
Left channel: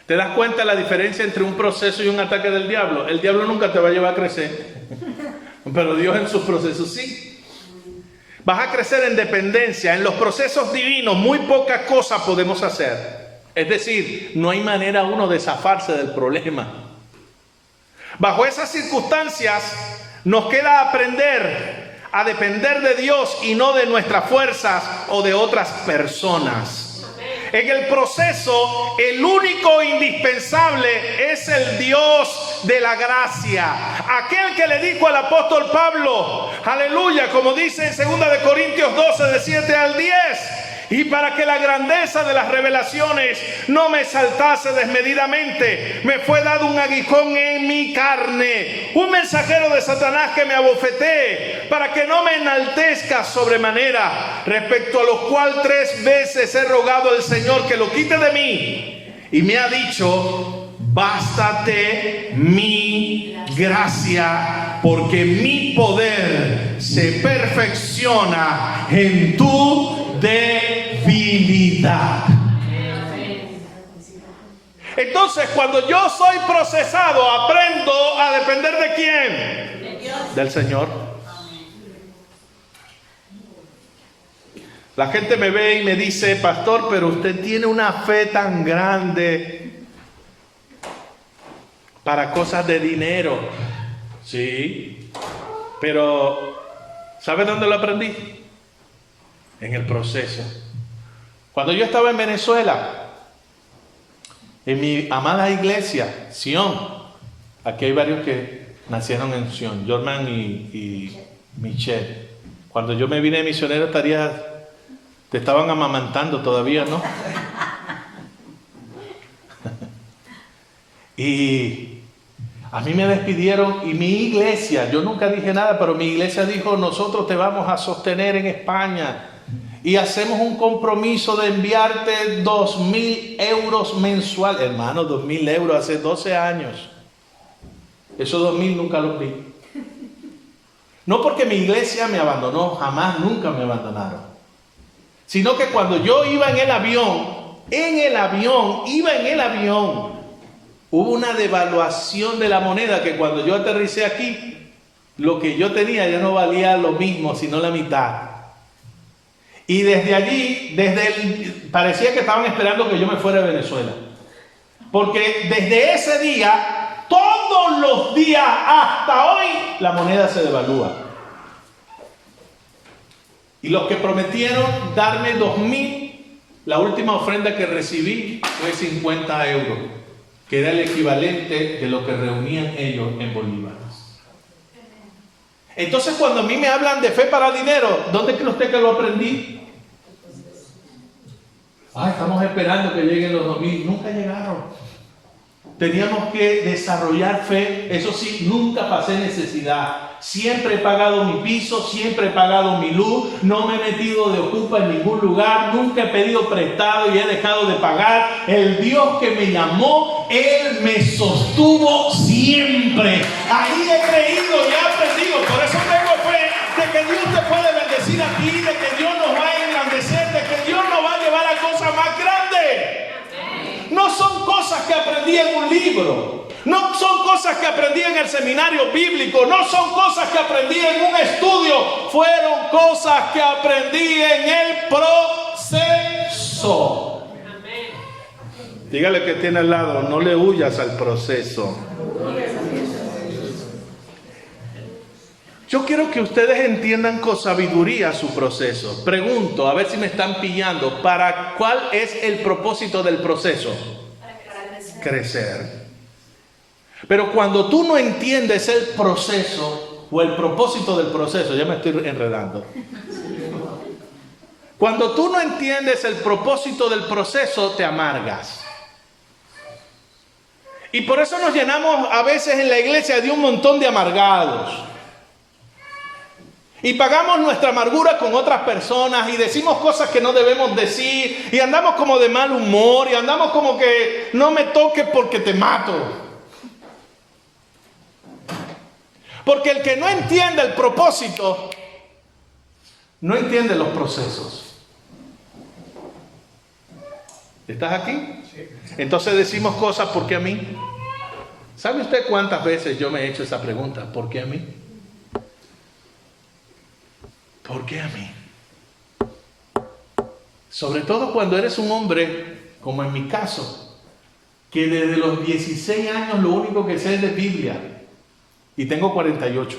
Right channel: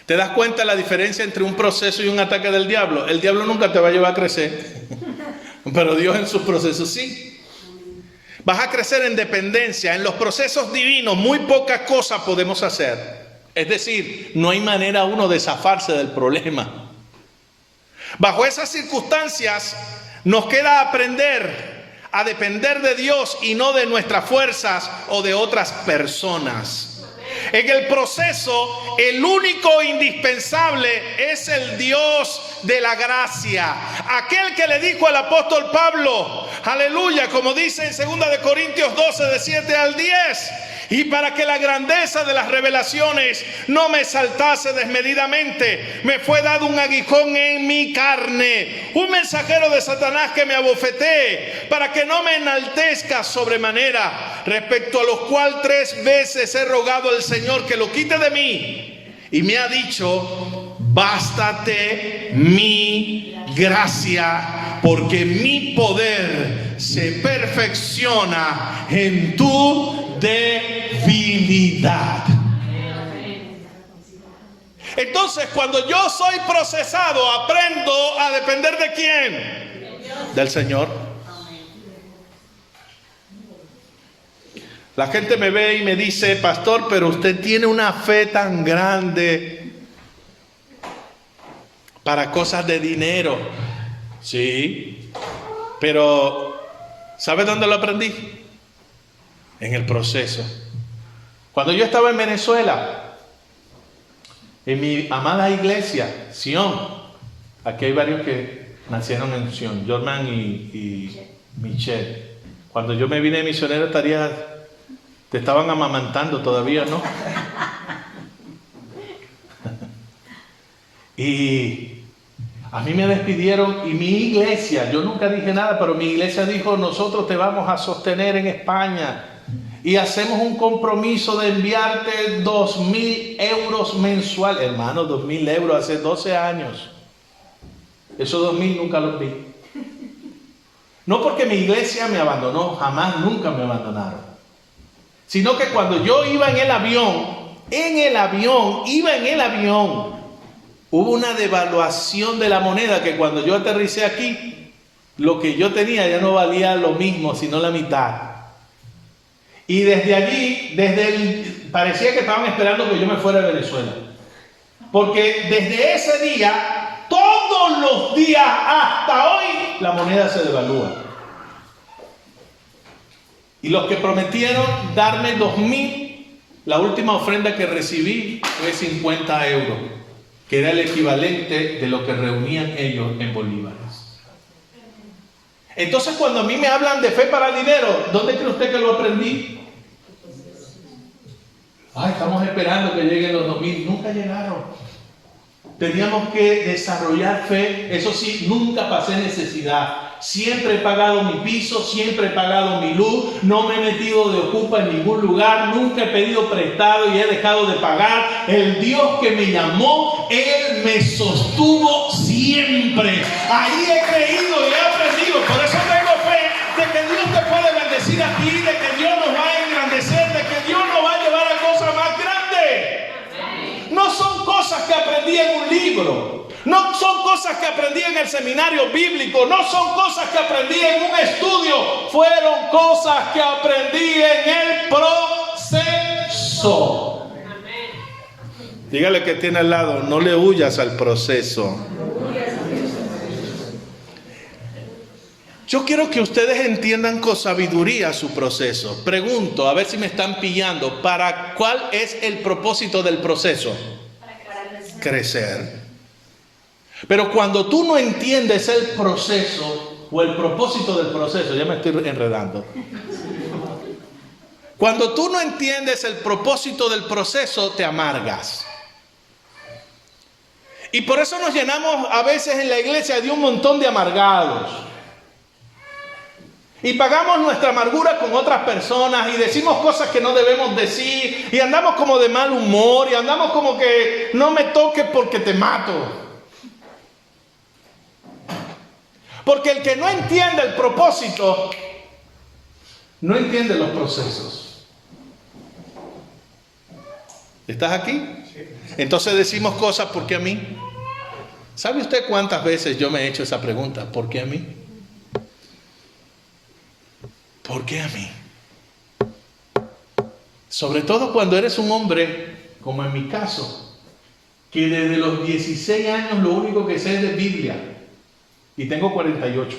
¿Te das cuenta de la diferencia entre un proceso y un ataque del diablo? El diablo nunca te va a llevar a crecer, pero Dios en sus procesos sí. Vas a crecer en dependencia. En los procesos divinos muy pocas cosas podemos hacer. Es decir, no hay manera uno de zafarse del problema. Bajo esas circunstancias nos queda aprender a depender de Dios y no de nuestras fuerzas o de otras personas. En el proceso, el único indispensable es el Dios de la gracia. Aquel que le dijo al apóstol Pablo, aleluya, como dice en 2 de Corintios 12, de 7 al 10. Y para que la grandeza de las revelaciones no me saltase desmedidamente, me fue dado un aguijón en mi carne, un mensajero de Satanás que me abofetee, para que no me enaltezca sobremanera, respecto a lo cual 3 veces he rogado al Señor que lo quite de mí. Y me ha dicho, bástate mi gracia, porque mi poder se perfecciona en tu debilidad. Entonces, cuando yo soy procesado, aprendo a depender ¿de quién? Del Señor. La gente me ve y me dice, pastor, pero usted tiene una fe tan grande para cosas de dinero. Sí, pero ¿sabe dónde lo aprendí? En el proceso. Cuando yo estaba en Venezuela, en mi amada iglesia, Sion, aquí hay varios que nacieron en Sion, Jorman y Michelle. Cuando yo me vine de misionero, te estaban amamantando todavía, ¿no? Y a mí me despidieron y mi iglesia, yo nunca dije nada, pero mi iglesia dijo, nosotros te vamos a sostener en España y hacemos un compromiso de enviarte 2.000 euros mensual. Hermano, 2.000 euros hace 12 años. Esos 2.000 nunca los vi. No porque mi iglesia me abandonó, jamás, nunca me abandonaron. Sino que cuando yo iba en el avión, hubo una devaluación de la moneda que cuando yo aterricé aquí, lo que yo tenía ya no valía lo mismo, sino la mitad. Y desde allí, parecía que estaban esperando que yo me fuera de Venezuela. Porque desde ese día, todos los días hasta hoy, la moneda se devalúa. Y los que prometieron darme 2.000, la última ofrenda que recibí fue 50 euros, que era el equivalente de lo que reunían ellos en bolívares. Entonces, cuando a mí me hablan de fe para dinero, ¿dónde cree usted que lo aprendí? Estamos esperando que lleguen los 2.000. Nunca llegaron. Teníamos que desarrollar fe. Eso sí, nunca pasé necesidad. Siempre he pagado mi piso, siempre he pagado mi luz, no me he metido de ocupa en ningún lugar, nunca he pedido prestado y he dejado de pagar. El Dios que me llamó, Él me sostuvo siempre. Ahí he creído y he aprendido. Por eso tengo fe de que Dios te puede bendecir aquí, de que Dios nos va a engrandecer, de que Dios nos va a llevar a cosas más grandes. No son cosas que aprendí en un libro. No son cosas que aprendí en el seminario bíblico, no son cosas que aprendí en un estudio, fueron cosas que aprendí en el proceso. Dígale que tiene al lado, no le huyas al proceso. Yo quiero que ustedes entiendan con sabiduría su proceso. Pregunto, a ver si me están pillando, ¿cuál es el propósito del proceso? Crecer. Pero cuando tú no entiendes el proceso o el propósito del proceso, ya me estoy enredando. Cuando tú no entiendes el propósito del proceso, te amargas. Y por eso nos llenamos a veces en la iglesia de un montón de amargados. Y pagamos nuestra amargura con otras personas y decimos cosas que no debemos decir y andamos como de mal humor y andamos como que no me toques porque te mato. Porque el que no entiende el propósito, no entiende los procesos. ¿Estás aquí? Entonces decimos cosas, ¿por qué a mí? ¿Sabe usted cuántas veces yo me he hecho esa pregunta? ¿Por qué a mí? ¿Por qué a mí? Sobre todo cuando eres un hombre, como en mi caso, que desde los 16 años lo único que sé es de Biblia. Y tengo 48.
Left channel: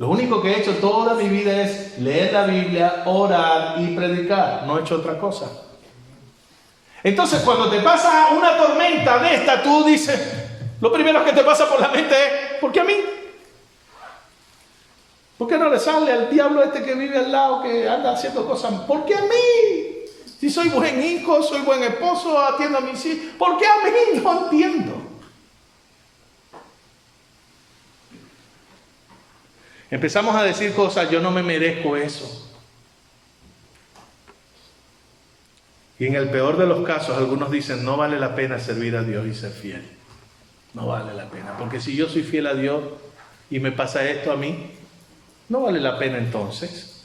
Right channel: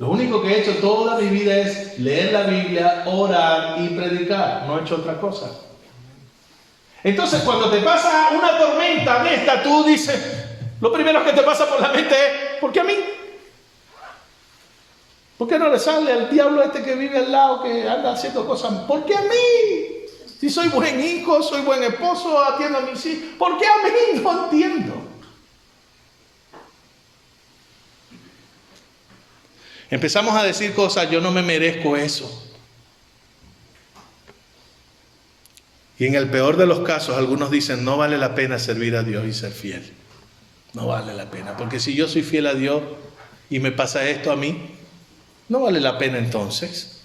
Lo único que he hecho toda mi vida es leer la Biblia, orar y predicar. No he hecho otra cosa. Entonces, cuando te pasa una tormenta de esta, tú dices, lo primero que te pasa por la mente es, ¿por qué a mí? ¿Por qué no le sale al diablo este que vive al lado, que anda haciendo cosas? ¿Por qué a mí? Si soy buen hijo, soy buen esposo, atiendo a mis hijos. ¿Por qué a mí? No entiendo. Empezamos a decir cosas, yo no me merezco eso. Y en el peor de los casos, algunos dicen, no vale la pena servir a Dios y ser fiel. No vale la pena, porque si yo soy fiel a Dios y me pasa esto a mí, no vale la pena entonces.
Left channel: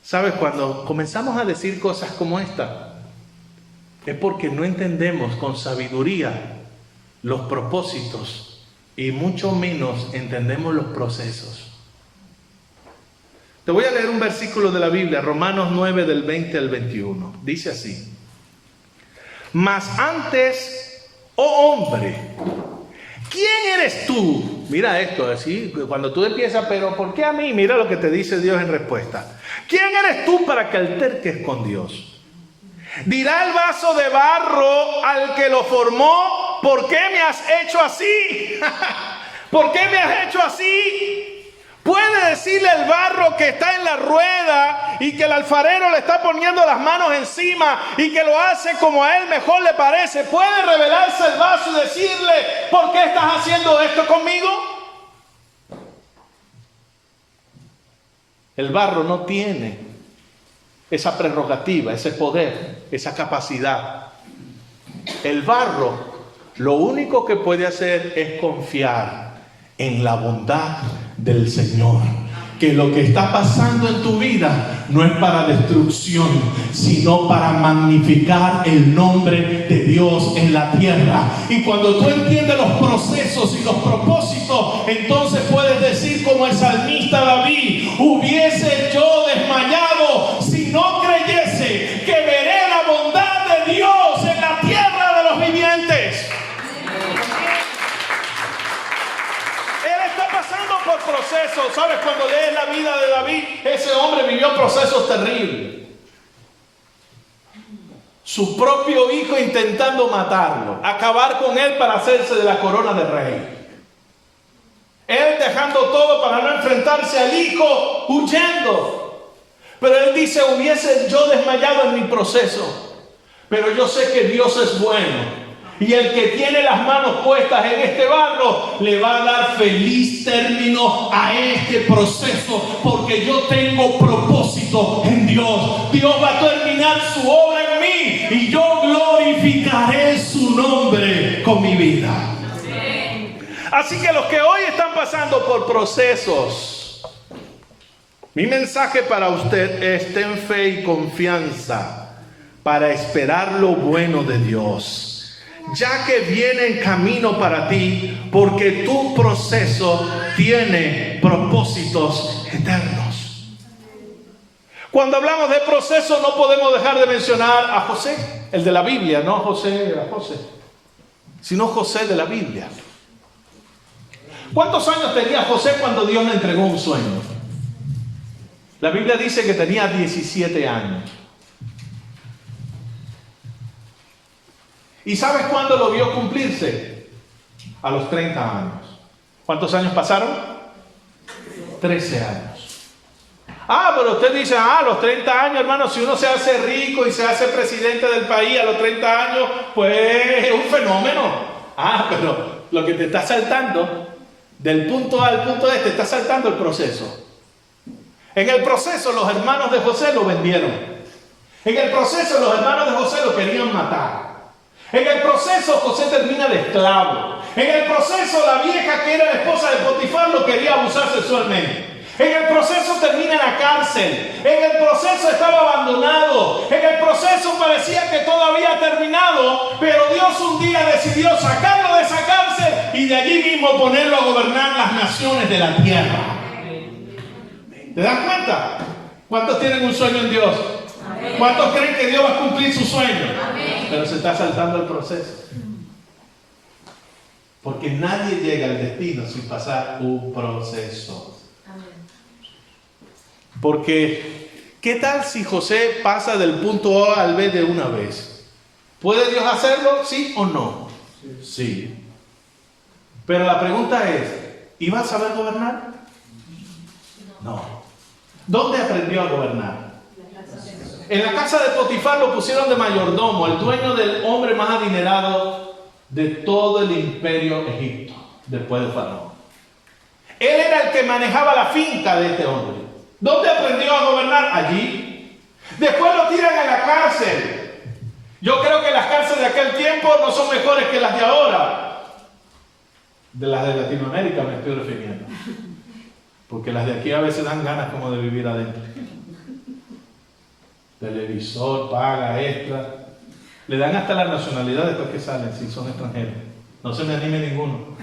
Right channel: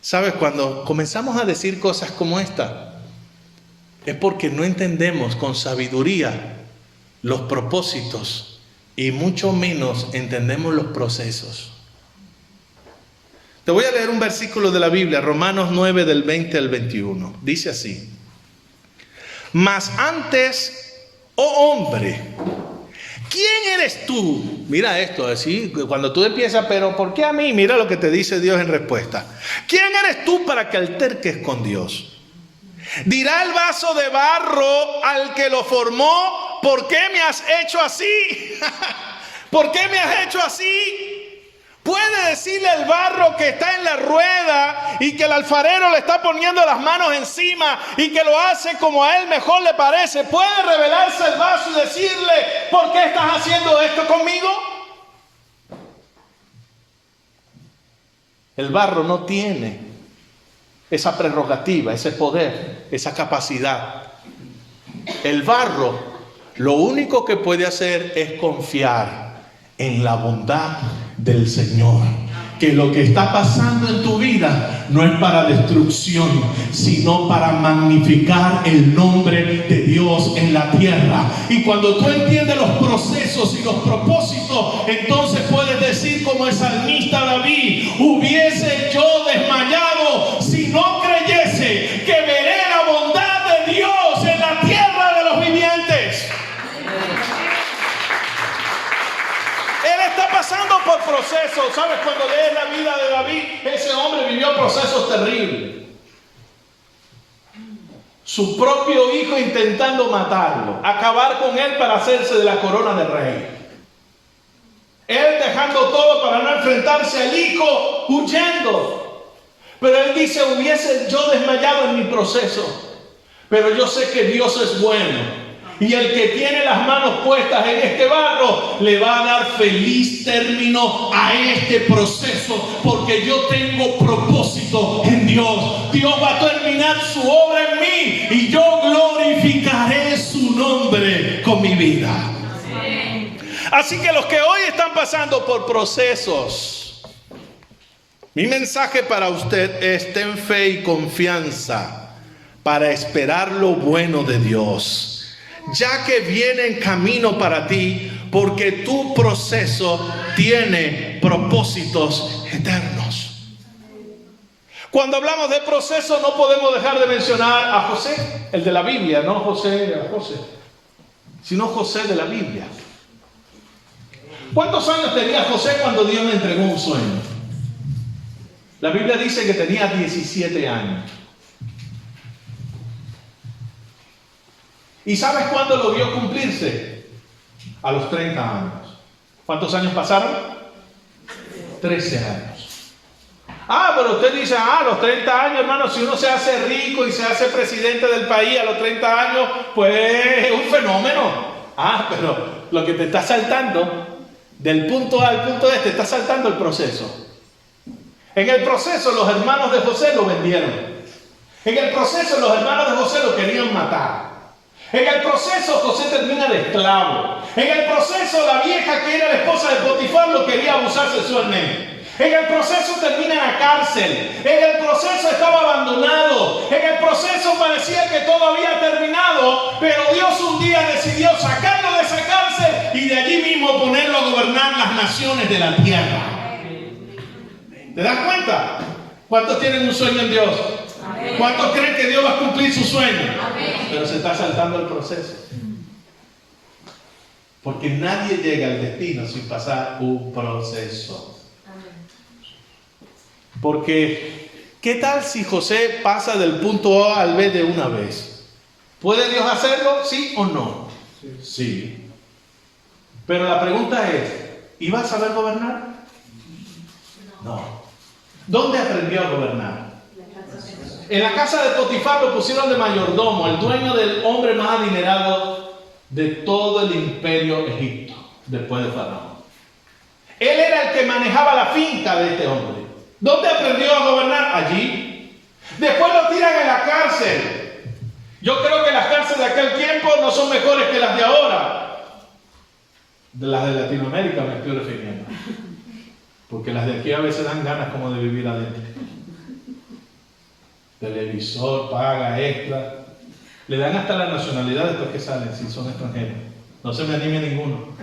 ¿Sabes? Cuando comenzamos a decir cosas como esta, es porque no entendemos con sabiduría los propósitos y mucho menos entendemos los procesos. Te voy a leer un versículo de la Biblia, Romanos 9 del 20 al 21. Dice así: mas antes, oh hombre, ¿quién eres tú? Mira esto, así, cuando tú empiezas, pero ¿por qué a mí? Mira lo que te dice Dios en respuesta. ¿Quién eres tú para que alterques con Dios? Dirá el vaso de barro al que lo formó, ¿por qué me has hecho así? ¿Por qué me has hecho así? Puede decirle al barro que está en la rueda y que el alfarero le está poniendo las manos encima y que lo hace como a él mejor le parece. Puede revelarse el vaso y decirle, ¿por qué estás haciendo esto conmigo? El barro no tiene esa prerrogativa, ese poder, esa capacidad. El barro lo único que puede hacer es confiar en la bondad del Señor, que lo que está pasando en tu vida no es para destrucción, sino para magnificar el nombre de Dios en la tierra. Y cuando tú entiendes los procesos y los propósitos, entonces puedes decir como el salmista David: hubiese yo desmayado si no creyese que veré la bondad de Dios en la tierra de los vivientes. Pasando por procesos. ¿Sabes? Cuando lees la vida de David, ese hombre vivió procesos terribles. Su propio hijo intentando matarlo, acabar con él para hacerse de la corona de rey. Él dejando todo para no enfrentarse al hijo, huyendo. Pero él dice, hubiese yo desmayado en mi proceso, pero yo sé que Dios es bueno. Y el que tiene las manos puestas en este barro le va a dar feliz término a este proceso, porque yo tengo propósito en Dios. Dios va a terminar su obra en mí y yo glorificaré su nombre con mi vida. Así que los que hoy están pasando por procesos, mi mensaje para usted es: ten fe y confianza para esperar lo bueno de Dios, ya que viene en camino para ti, porque tu proceso tiene propósitos eternos. Cuando hablamos de proceso, no podemos dejar de mencionar a José, el de la Biblia, no José, sino José de la Biblia. ¿Cuántos años tenía José cuando Dios le entregó un sueño? La Biblia dice que tenía 17 años. ¿Y sabes cuándo lo vio cumplirse? A los 30 años. ¿Cuántos años pasaron? 13 años. Pero usted dice, a los 30 años, hermano, si uno se hace rico y se hace presidente del país a los 30 años, pues es un fenómeno. Pero lo que te está saltando, del punto A al punto B, te está saltando el proceso. En el proceso los hermanos de José lo vendieron. En el proceso los hermanos de José lo querían matar. En el proceso José termina de esclavo. En el proceso la vieja que era la esposa de Potifar lo quería abusar sexualmente. En el proceso termina en la cárcel. En el proceso estaba abandonado. En el proceso parecía que todo había terminado, pero Dios un día decidió sacarlo de esa cárcel y de allí mismo ponerlo a gobernar las naciones de la tierra. ¿Te das cuenta? ¿Cuántos tienen un sueño en Dios? ¿Cuántos creen que Dios va a cumplir su sueño? Pero se está saltando el proceso. Porque nadie llega al destino sin pasar un proceso. Porque, ¿qué tal si José pasa del punto A al B de una vez? ¿Puede Dios hacerlo? ¿Sí o no? Sí. Pero la pregunta es, ¿iba a saber gobernar? No. ¿Dónde aprendió a gobernar? En la casa de Potifar lo pusieron de mayordomo, el dueño del hombre más adinerado de todo el imperio Egipto, después de Faraón. Él era el que manejaba la finca de este hombre. ¿Dónde aprendió a gobernar? Allí. Después lo tiran en la cárcel. Yo creo que las cárceles de aquel tiempo no son mejores que las de ahora. De las de Latinoamérica me estoy refiriendo. Porque las de aquí a veces dan ganas como de vivir adentro. Televisor, paga, extra. Le dan hasta la nacionalidad después que salen, si son extranjeros. No se me anime ninguno.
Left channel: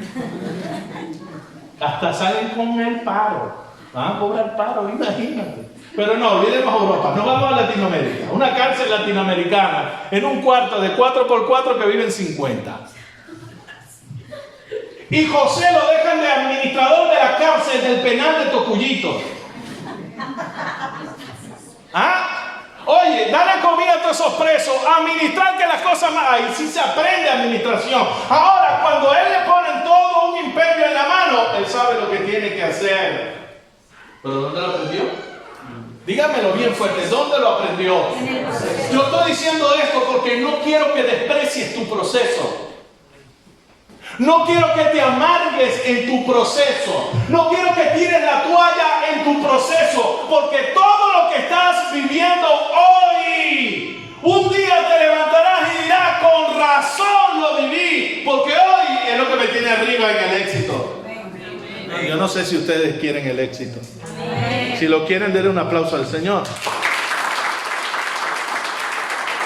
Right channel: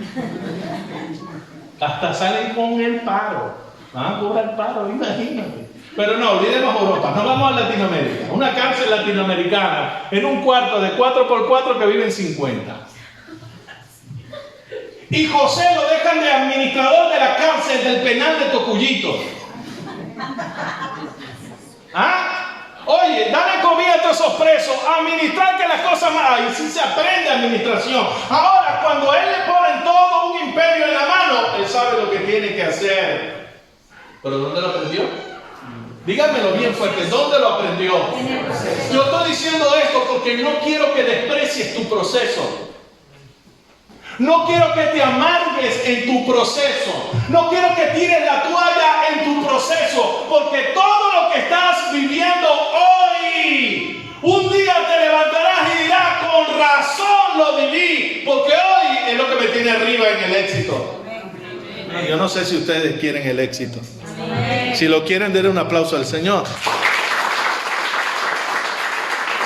Hasta salen con el paro. Van a cobrar paro, imagínate. Pero no, olvidemos Europa, no vamos a Latinoamérica. Una cárcel latinoamericana en un cuarto de 4x4 que viven 50. Y José lo dejan de administrador de la cárcel del penal de Tocuyito. ¿Ah? Oye, dale comida a todos esos presos, administrar que las cosas más... Ahí sí se aprende administración. Ahora, cuando él le ponen todo un imperio en la mano, él sabe lo que tiene que hacer. ¿Pero dónde lo aprendió? Díganmelo bien fuerte, ¿dónde lo aprendió? Yo estoy diciendo esto porque no quiero que desprecies tu proceso. No quiero que te amargues en tu proceso. No quiero que tires la toalla en tu proceso. Porque todo lo que estás viviendo hoy, un día te levantarás y dirás, con razón lo viví. Porque hoy es lo que me tiene arriba en el éxito. Yo no sé si ustedes quieren el éxito. Si lo quieren, denle un aplauso al Señor.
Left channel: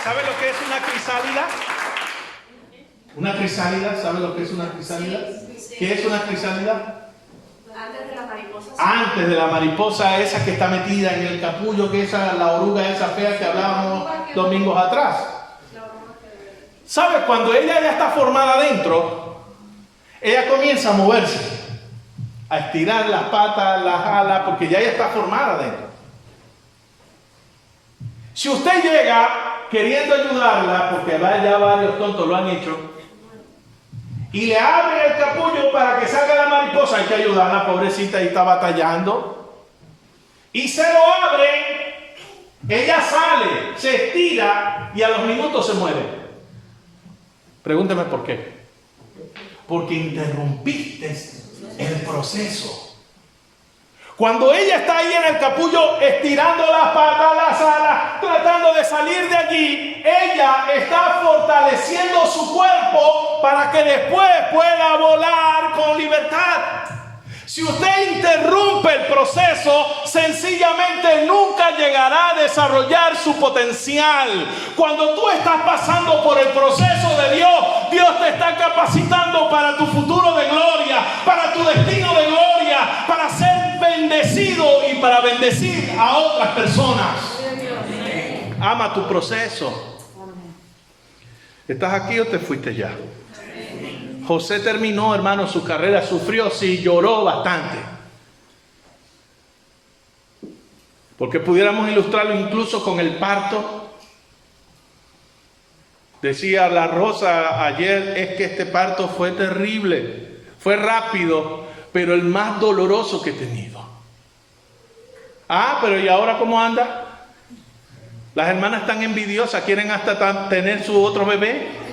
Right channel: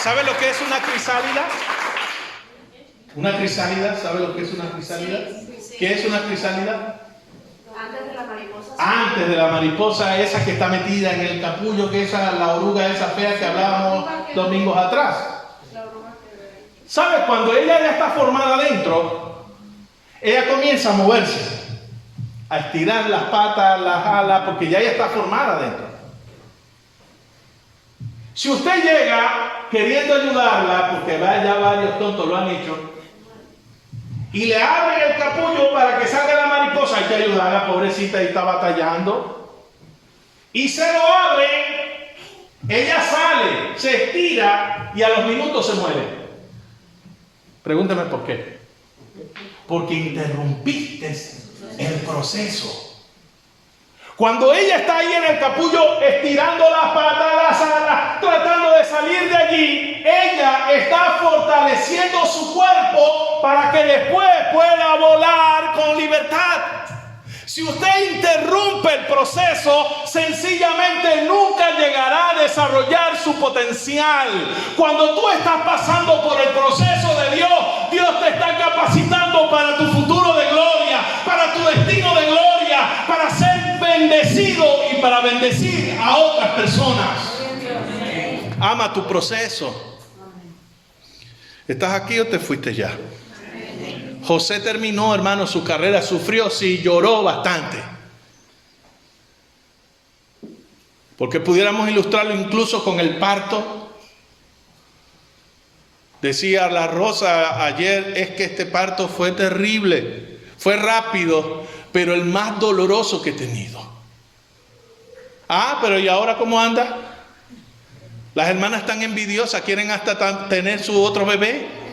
¿Sabe lo que es una crisálida? ¿Una crisálida? ¿Sabe lo que es una crisálida? ¿Qué es una crisálida? Antes de la mariposa. Antes de la mariposa esa que está metida en el capullo, que es la oruga esa fea que hablábamos domingos atrás. ¿Sabe? Cuando ella ya está formada adentro, ella comienza a moverse, a estirar las patas, las alas, porque ya ella está formada adentro. Si usted llega queriendo ayudarla, porque ya varios tontos lo han hecho, y le abren el capullo para que salga la mariposa, hay que ayudarla, pobrecita, y está batallando. Y se lo abren, ella sale, se estira y a los minutos se muere. Pregúnteme por qué. Porque interrumpiste el proceso. Cuando ella está ahí en el capullo, estirando las patas, las alas, tratando de salir de allí, ella está fortaleciendo su cuerpo para que después pueda volar con libertad. Si usted interrumpe el proceso, sencillamente nunca llegará a desarrollar su potencial. Cuando tú estás pasando por el proceso de Dios, Dios te está capacitando para tu futuro de gloria, para tu destino de gloria, para ser bendecido y para bendecir a otras personas. Ama tu proceso. ¿Estás aquí o te fuiste ya? José terminó, hermano, su carrera, sufrió, sí, lloró bastante. Porque pudiéramos ilustrarlo incluso con el parto. Decía la Rosa ayer, es que este parto fue terrible, fue rápido, pero el más doloroso que he tenido. Ah, pero ¿y ahora cómo anda? Las hermanas están envidiosas, quieren hasta tener su otro bebé.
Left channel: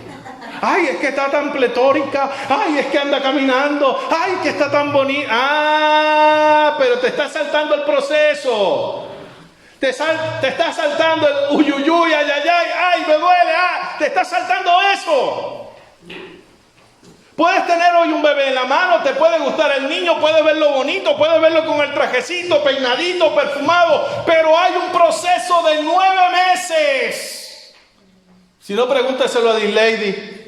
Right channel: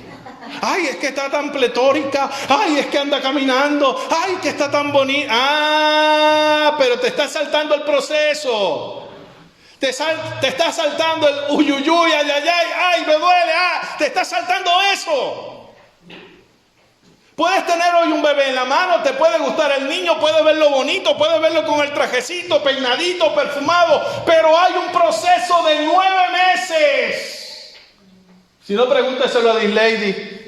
Ay, es que está tan pletórica. Ay, es que anda caminando. Ay, que está tan bonita. Ah, pero te está saltando el proceso. Te está saltando el uyuyuy, ay, ay, ay, ay, me duele. Ah, te está saltando eso. Puedes tener hoy un bebé en la mano, te puede gustar el niño, puedes verlo bonito, puedes verlo con el trajecito, peinadito, perfumado, pero hay un proceso de 9 meses. Si no, pregúnteselo a Dinlady.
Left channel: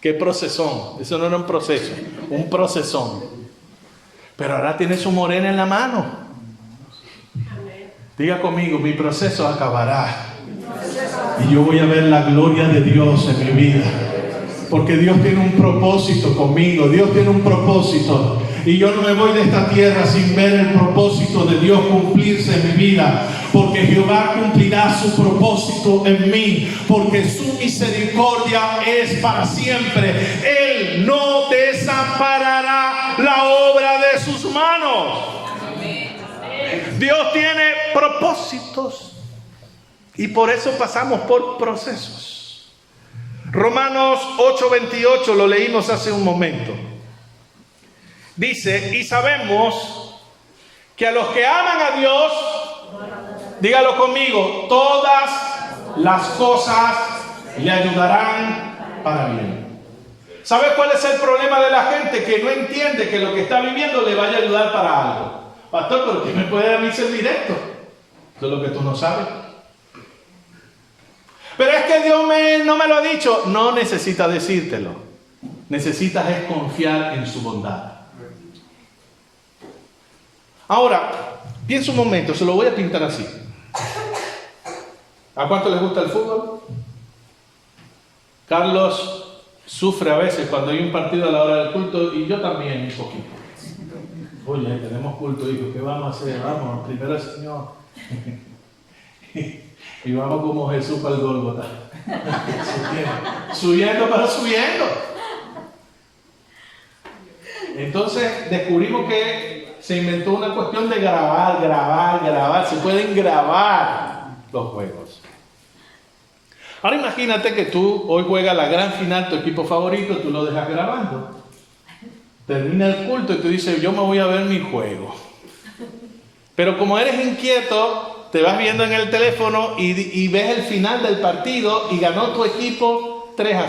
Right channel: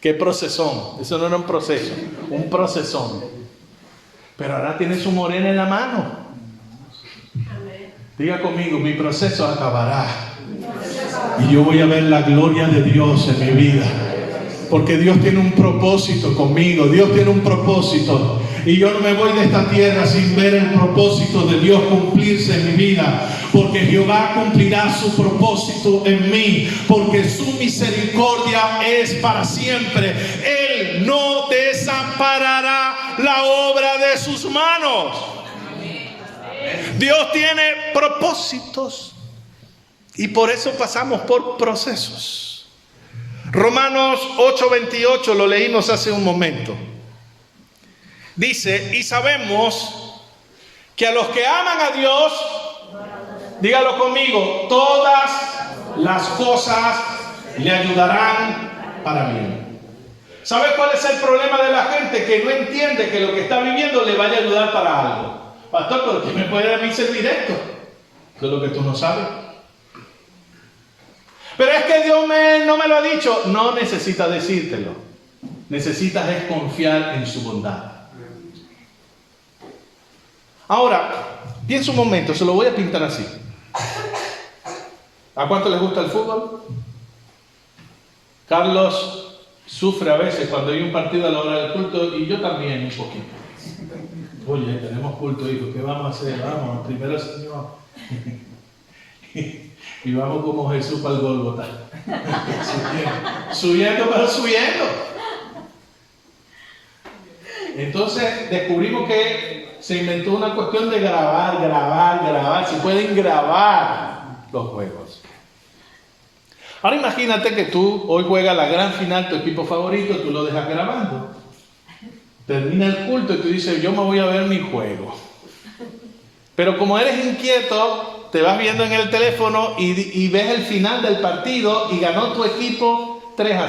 ¿Qué procesón? Eso no era un proceso, un procesón. Pero ahora tiene su morena en la mano. Diga conmigo, mi proceso acabará. Y yo voy a ver la gloria de Dios en mi vida. Porque Dios tiene un propósito conmigo. Dios tiene un propósito. Y yo no me voy de esta tierra sin ver el propósito de Dios cumplirse en mi vida. Porque Jehová cumplirá su propósito en mí. Porque su misericordia es para siempre. Él no desamparará la obra de sus manos. Dios tiene propósitos. Y por eso pasamos por procesos. Romanos 8:28 lo leímos hace un momento. Dice, y sabemos que a los que aman a Dios, dígalo conmigo, todas las cosas le ayudarán para bien. ¿Sabe cuál es el problema de la gente? Que no entiende que lo que está viviendo le vaya a ayudar para algo. Pastor, ¿pero qué me puede a mí ser directo? Eso es lo que tú no sabes. Pero es que Dios no me lo ha dicho. No necesita decírtelo. Necesitas es confiar en su bondad. Ahora, piensa un momento, se lo voy a pintar así. ¿A cuánto les gusta el fútbol? Carlos sufre a veces cuando hay un partido a la hora del culto y yo también un poquito. Oye, tenemos culto, hijo, ¿qué vamos a hacer? Vamos, primero el Señor. Y vamos como Jesús para el Gólgota. Subiendo, pero subiendo. Entonces descubrimos que se inventó una cuestión de grabar. Se pueden grabar los juegos. Ahora imagínate que tú hoy juegas la gran final, tu equipo favorito, tú lo dejas grabando. Termina el culto y tú dices, yo me voy a ver mi juego. Pero como eres inquieto, te vas viendo en el teléfono y ves el final del partido y ganó tu equipo 3-0.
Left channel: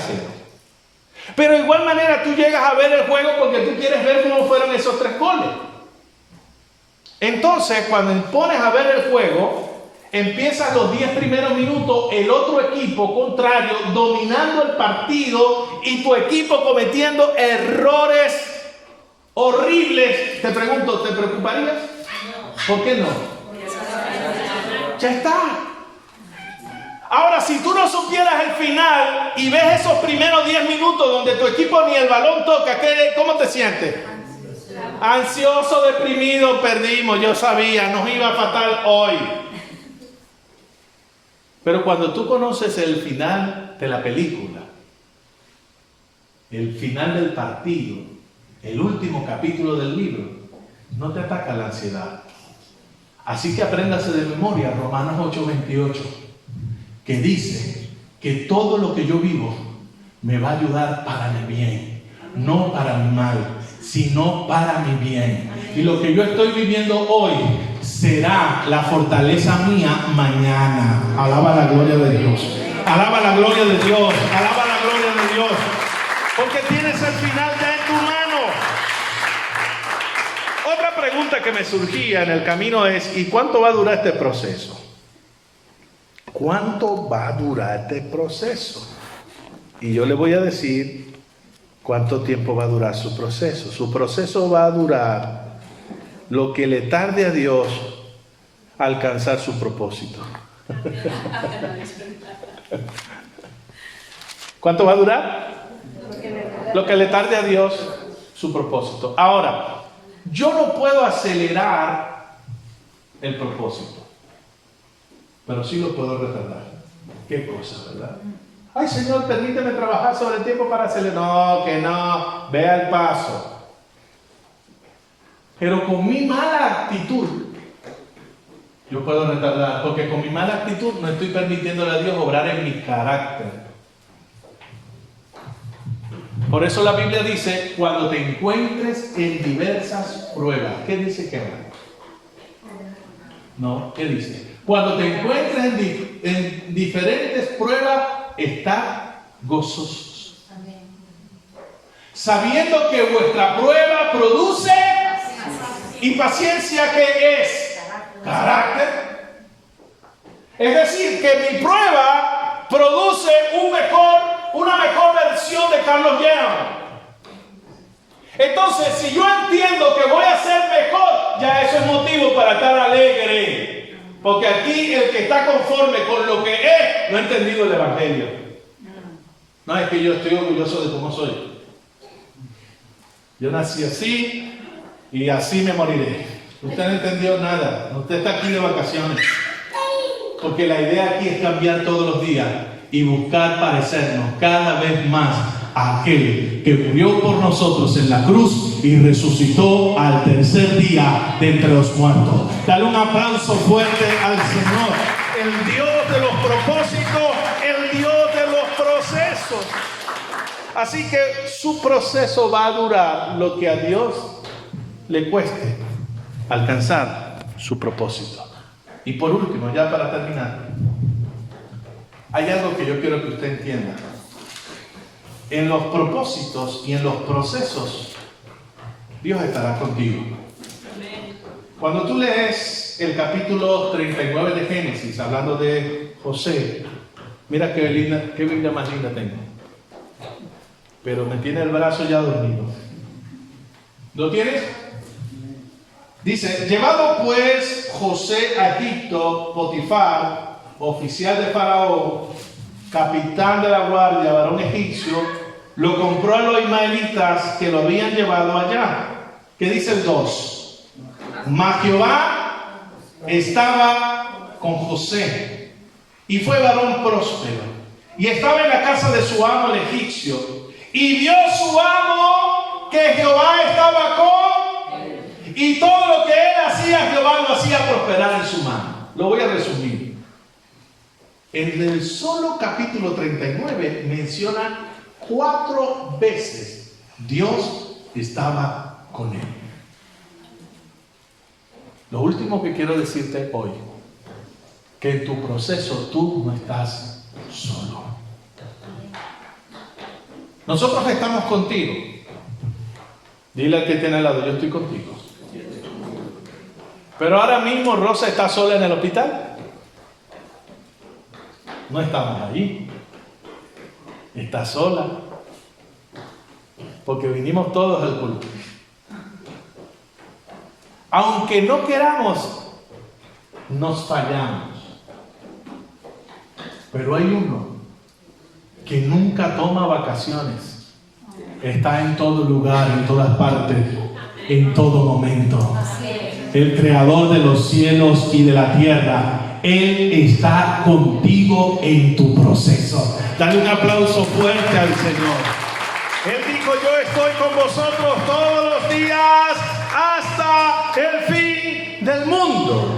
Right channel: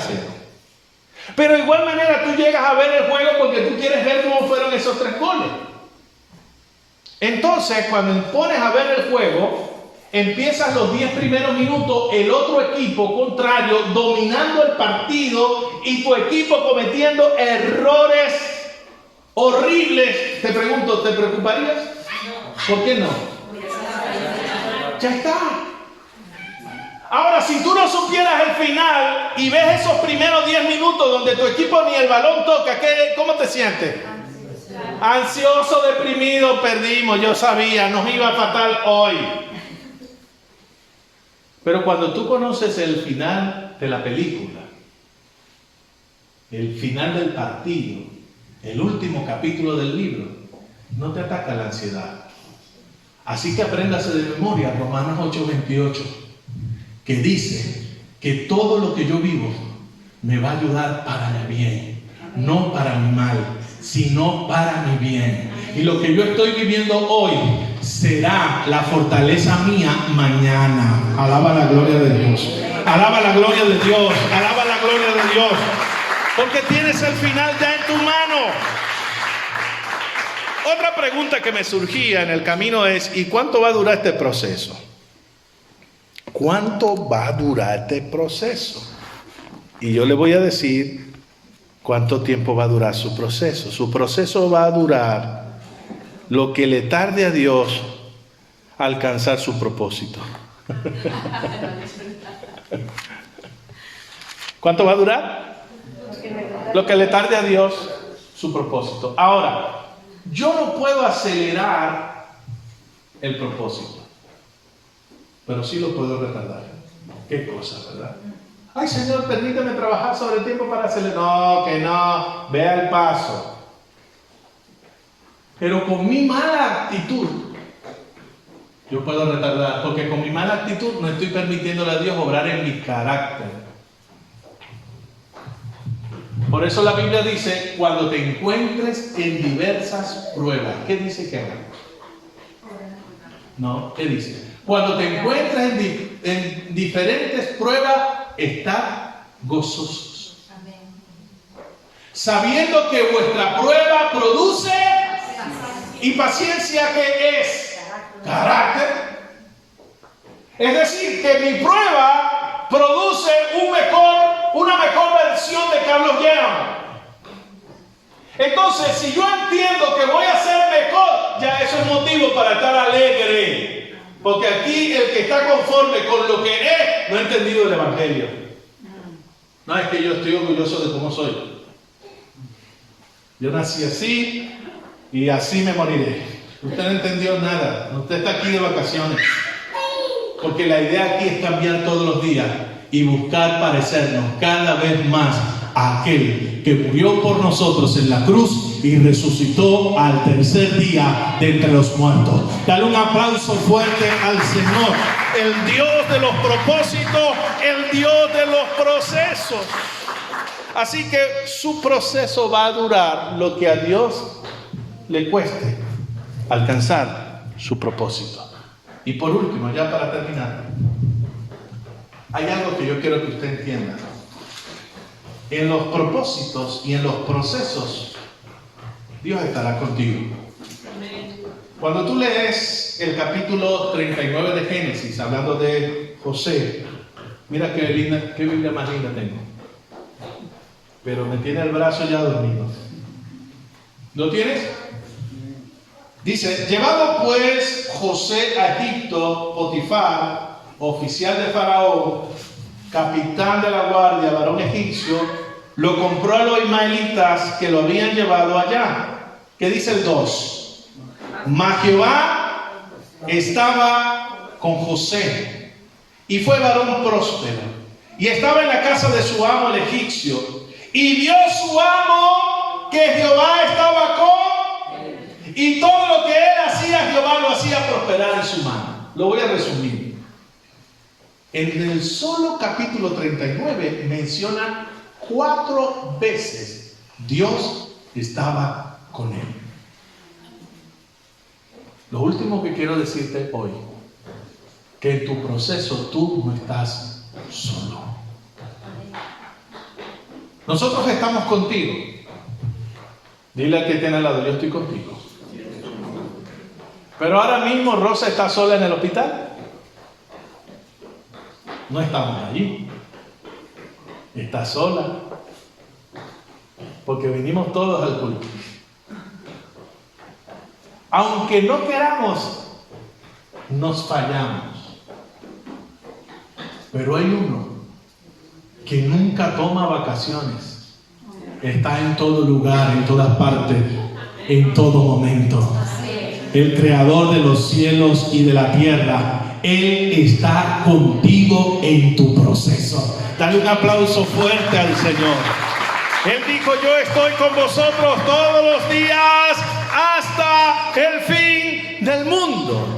Pero de igual manera tú llegas a ver el juego porque tú quieres ver cómo fueron esos 3 goles. Entonces, cuando pones a ver el juego, empiezan los 10 primeros minutos, el otro equipo contrario dominando el partido y tu equipo cometiendo errores horribles. Te pregunto, ¿te preocuparías? ¿Por qué no? Ya está. Ahora, si tú no supieras el final y ves esos primeros 10 minutos donde tu equipo ni el balón toca, ¿cómo te sientes? Ansioso, deprimido, perdimos, yo sabía, nos iba fatal hoy. Pero cuando tú conoces el final de la película, el final del partido, el último capítulo del libro, no te ataca la ansiedad. Así que apréndase de memoria Romanos 8:28, que dice que todo lo que yo vivo me va a ayudar para mi bien, no para mi mal, sino para mi bien. Y lo que yo estoy viviendo hoy será la fortaleza mía mañana. Alaba la gloria de Dios. Alaba la gloria de Dios. Alaba la gloria de Dios. Porque tienes el final ya en tu mano. Otra pregunta que me surgía en el camino es, ¿y cuánto va a durar este proceso? ¿Cuánto va a durar este proceso? Y yo le voy a decir cuánto tiempo va a durar su proceso. Su proceso va a durar lo que le tarde a Dios a alcanzar su propósito. ¿Cuánto va a durar? Lo que le tarde a Dios su propósito. Ahora, yo no puedo acelerar el propósito, pero sí lo puedo retardar. Qué cosa, ¿verdad? Ay, Señor, permíteme trabajar sobre el tiempo para acelerar. No, que no, vea el paso. Pero con mi mala actitud, yo puedo retardar, porque con mi mala actitud no estoy permitiéndole a Dios obrar en mi carácter. Por eso la Biblia dice, cuando te encuentres en diversas pruebas. ¿Qué dice que haga? No, ¿qué dice? Cuando te encuentres en diferentes pruebas, está gozosos. Sabiendo que vuestra prueba produce y paciencia, ¿qué es? Carácter. Es decir, que mi prueba produce una mejor versión de Carlos Young. Entonces, si yo entiendo que voy a ser mejor, ya eso es motivo para estar alegre. Porque aquí el que está conforme con lo que es, no ha entendido el Evangelio. No, es que yo estoy orgulloso de cómo soy. Yo nací así y así me moriré. Usted no entendió nada. Usted está aquí de vacaciones. Porque la idea aquí es cambiar todos los días y buscar parecernos cada vez más a aquel que murió por nosotros en la cruz y resucitó al tercer día de entre los muertos. Dale un aplauso fuerte al Señor, el Dios de los propósitos, el Dios de los procesos. Así que su proceso va a durar lo que a Dios le cueste alcanzar su propósito. Y por último, ya para terminar, hay algo que yo quiero que usted entienda. En los propósitos y en los procesos, Dios estará contigo. Cuando tú lees el capítulo 39 de Génesis, hablando de José, mira qué Biblia más linda tengo. Pero me tiene el brazo ya dormido. ¿Lo tienes? Dice, llevado pues José a Egipto, Potifar, oficial de Faraón, capitán de la guardia, varón egipcio, lo compró a los ismaelitas que lo habían llevado allá. ¿Qué dice el 2? Mas Jehová estaba con José y fue varón próspero y estaba en la casa de su amo el egipcio, y vio su amo que Jehová estaba con él, y todo lo que él hacía, Jehová lo hacía prosperar en su mano. Lo voy a resumir. En el solo capítulo 39 menciona 4 veces Dios estaba con él. Lo último que quiero decirte hoy, que en tu proceso tú no estás solo. Nosotros estamos contigo. Dile al que tiene al lado, yo estoy contigo. Pero ahora mismo Rosa está sola en el hospital. No estamos allí. Está sola. Porque vinimos todos al culto. Aunque no queramos, nos fallamos. Pero hay uno que nunca toma vacaciones. Está en todo lugar, en todas partes, en todo momento. El creador de los cielos y de la tierra. Él está contigo en tu proceso. Dale un aplauso fuerte al Señor. Él dijo, yo estoy con vosotros todos los días hasta el fin del mundo.